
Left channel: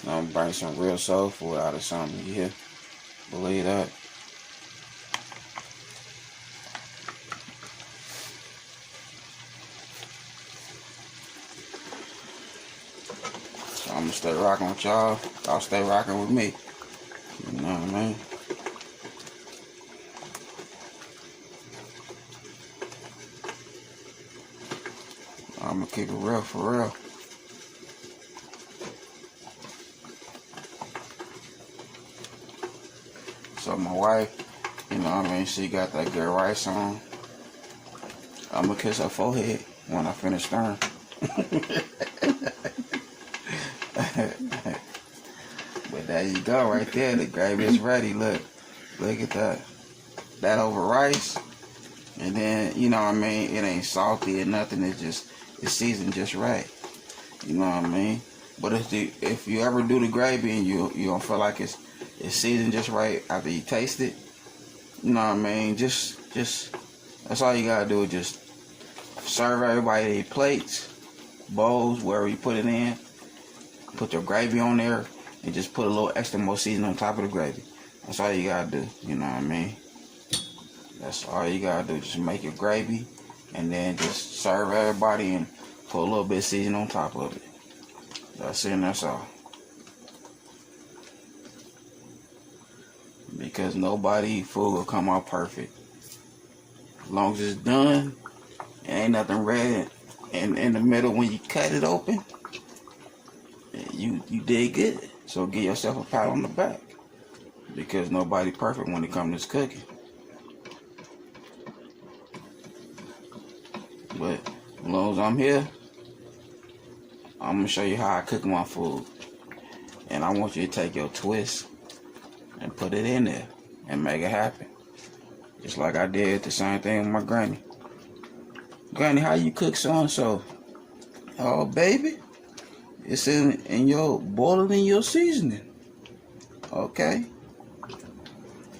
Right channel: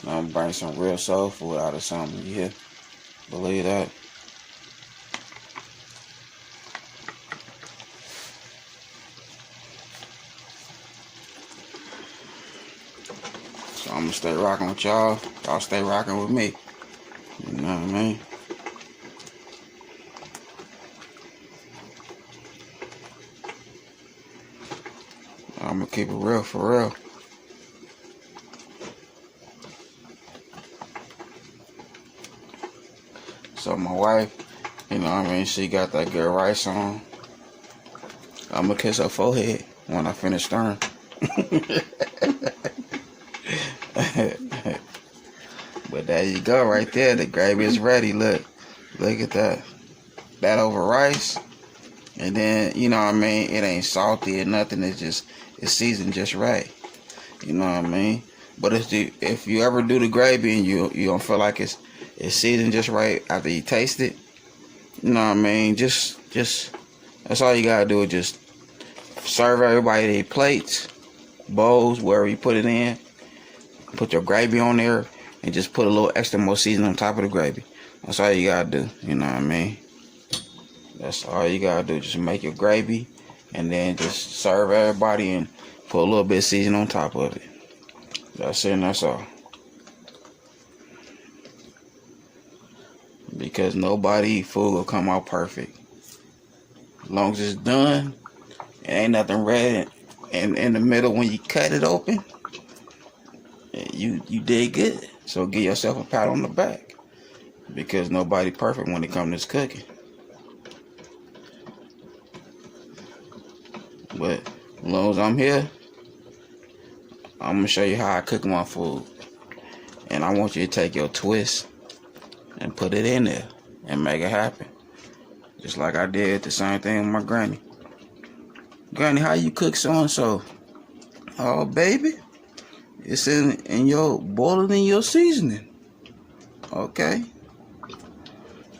and I'm gonna bring some real soul food out of something. You hear? Believe that? So I'm gonna stay rocking with y'all. Y'all stay rocking with me. You know what I mean? I'm gonna keep it real for real. So my wife, you know what I mean, she got that good rice on. I'm gonna kiss her forehead when I finish stirring. But there you go, right there. The gravy is ready. Look at that. That over rice, and then you know what I mean. It ain't salty or nothing. It's seasoned just right. You know what I mean. But if you ever do the gravy and you don't feel like it's seasoned just right after you taste it, you know what I mean. Just that's all you gotta do. Is just serve everybody their plates, bowls, wherever you put it in. Put your gravy on there and just put a little extra more seasoning on top of the gravy. That's all you gotta do. You know what I mean? That's all you gotta do. Just make your gravy and then just serve everybody and put a little bit of seasoning on top of it. That's it and that's all. Because nobody food will come out perfect. As long as it's done, it ain't nothing red and in the middle when you cut it open, you did good. So give yourself a pat on the back. Because nobody perfect when it comes to cooking. But as long as I'm here, I'm gonna show you how I cook my food. And I want you to take your twist and put it in there and make it happen. Just like I did the same thing with my granny. Granny, how you cook so and so? Oh baby, it's in your boiling in your seasoning. Okay.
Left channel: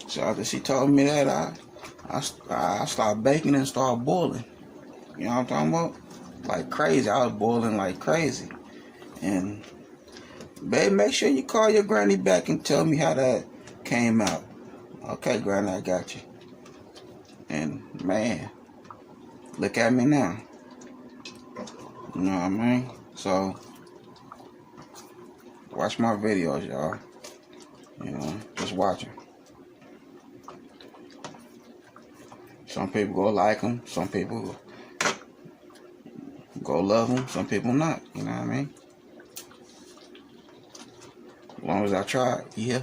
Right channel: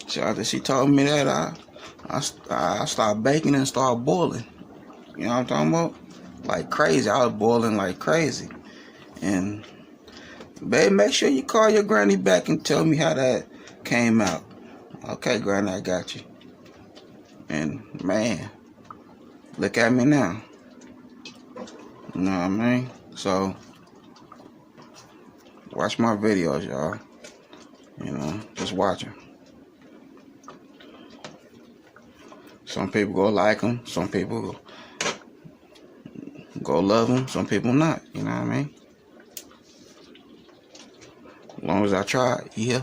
So after she told me that, I started baking and started boiling. You know what I'm talking about? Like crazy. I was boiling like crazy. And babe, make sure you call your granny back and tell me how that came out. Okay, granny, I got you. And man, look at me now. You know what I mean? So watch my videos, y'all. You know, just watch them. Some people go like them. Some people go love them. Some people not. You know what I mean? As long as I try, yeah.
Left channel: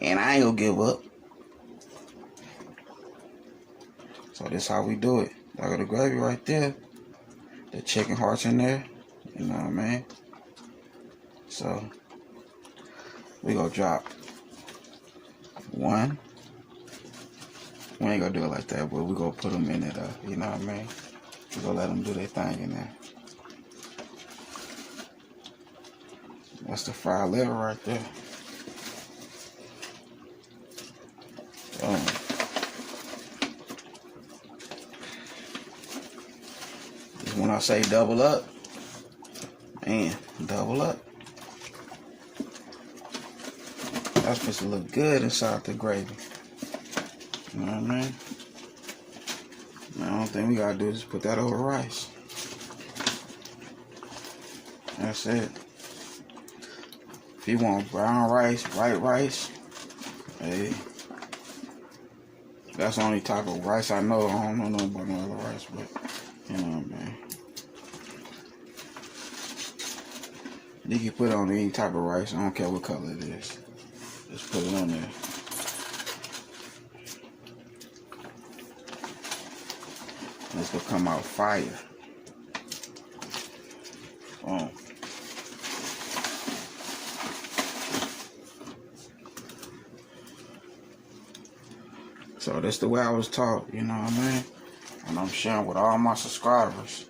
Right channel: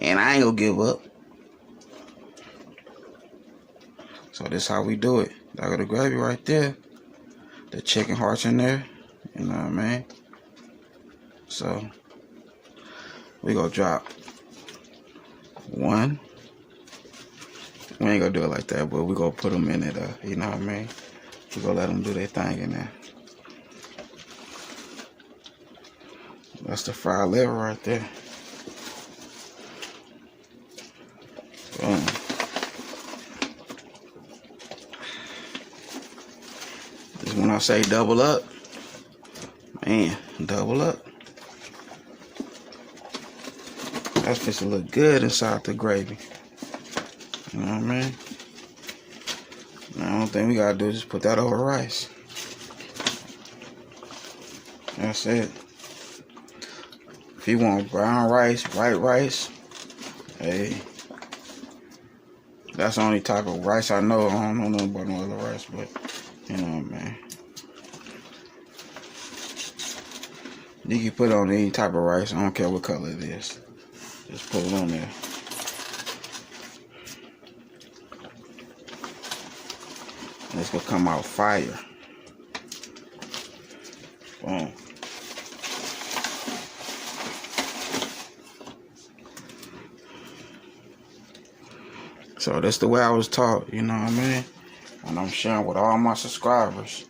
And I ain't gonna give up. So this how we do it. I got the gravy right there. The chicken hearts in there. You know what I mean? So we gonna drop one. We ain't gonna do it like that, but we gonna put them in it. You know what I mean? We gonna let them do their thing in there. That's the fried liver right there. Boom. Just when I say double up, man, double up. That's supposed to look good inside the gravy. You know what I mean? The only thing we gotta do is just put that over rice. That's it. If you want brown rice, white rice, hey, that's the only type of rice I know. I don't know nothing about no other rice, but you know what I mean. You can put it on any type of rice. I don't care what color it is. Just put it on there. And it's gonna come out fire. Boom. So that's the way I was taught, you know what I mean? And I'm sharing with all my subscribers.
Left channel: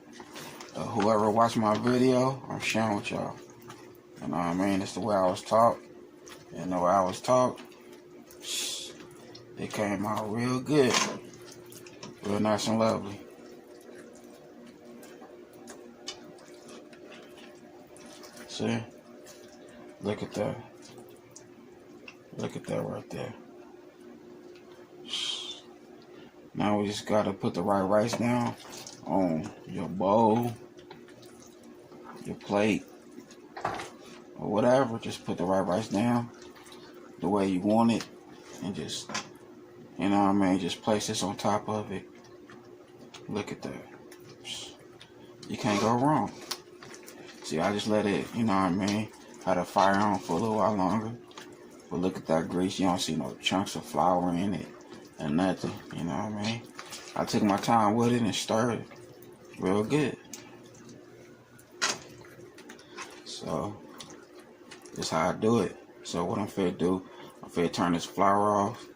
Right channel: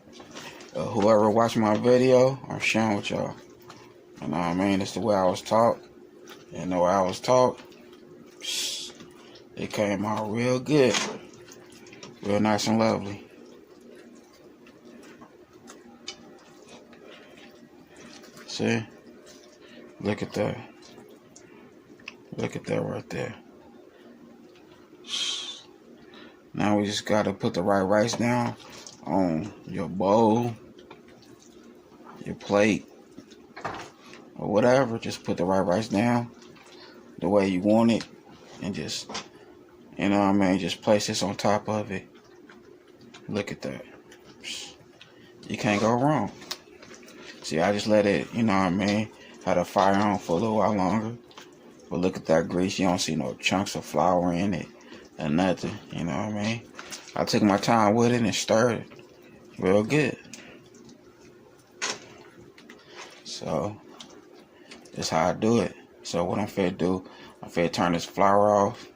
Whoever watched my video, I'm sharing with y'all. You know what I mean? That's the way I was taught. And the way I was taught, it came out real good. Real nice and lovely. See? Look at that. Look at that right there. Now we just gotta put the right rice down on your bowl, your plate, or whatever. Just put the right rice down the way you want it, and just, you know what I mean, just place this on top of it. Look at that. You can't go wrong. See, I just let it, you know what I mean, had the fire on for a little while longer. But look at that grease. You don't see no chunks of flour in it or nothing, you know what I mean? I took my time with it and stirred it real good. So, that's how I do it. So what I'm finna do, I'm finna turn this flour off.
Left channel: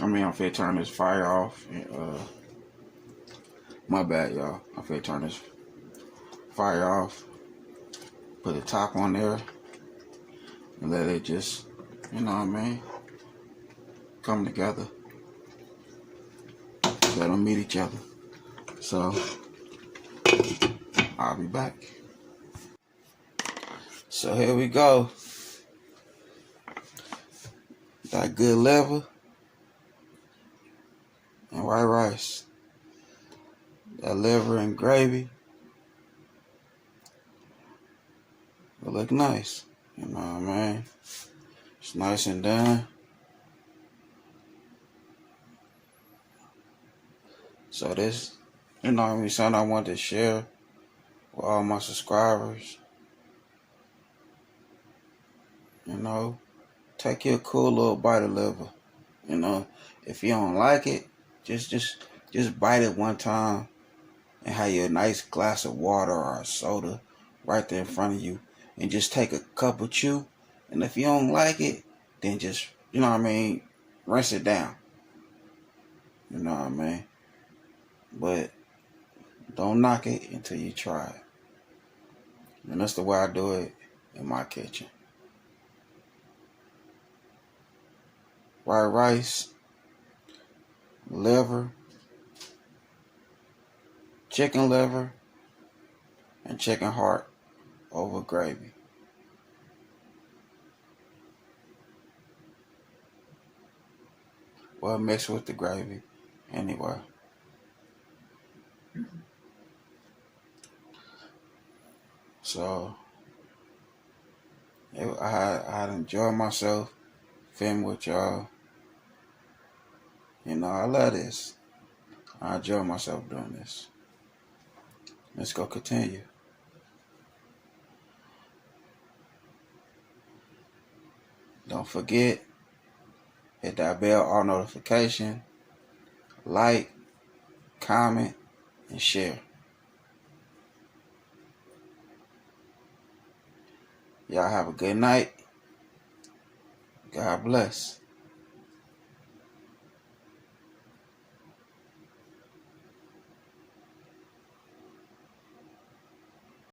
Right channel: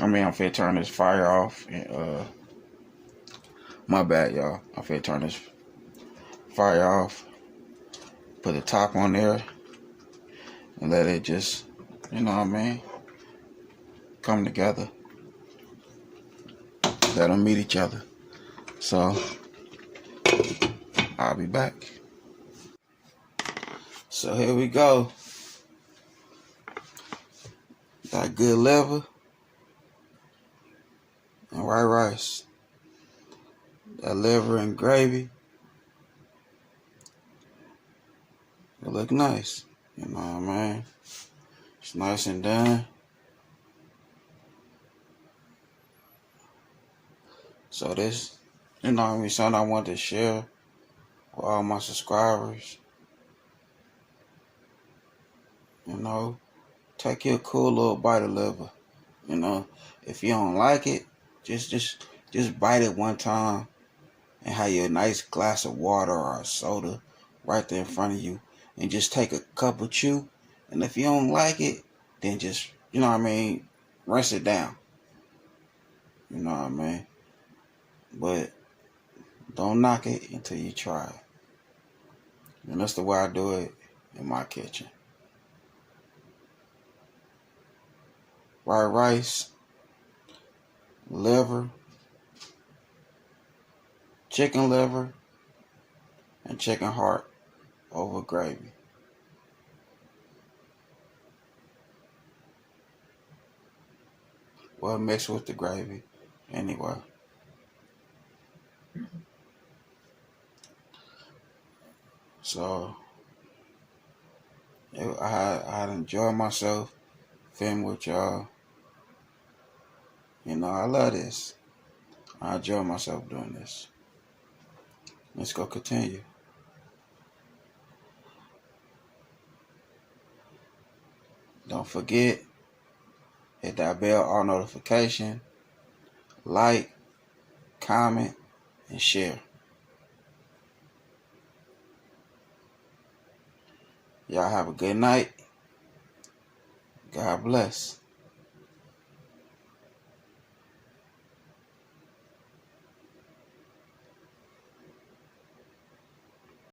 I'm finna turn this fire off. And, my bad, y'all. I'm finna turn this fire off. Put the top on there. And let it just, you know what I mean, come together. Let them meet each other. So, I'll be back. So here we go. That good liver and white rice. That liver and gravy. It look nice. You know what I mean? It's nice and done. So this, you know what I mean, something I want to share with all my subscribers. You know, take your cool little bite of liver. You know, if you don't like it, just bite it one time and have your nice glass of water or a soda right there in front of you, and just take a couple chew. And if you don't like it, then just, you know what I mean, rinse it down. You know what I mean? But don't knock it until you try it. And that's the way I do it in my kitchen. White rice, liver, chicken liver, and chicken heart over gravy. Well, mixed with the gravy anyway. So, I enjoyed myself filming with y'all. You know, I love this. I enjoy myself doing this. Let's go continue. Don't forget, hit that bell, all notification, like, comment, and share. Y'all have a good night. God bless.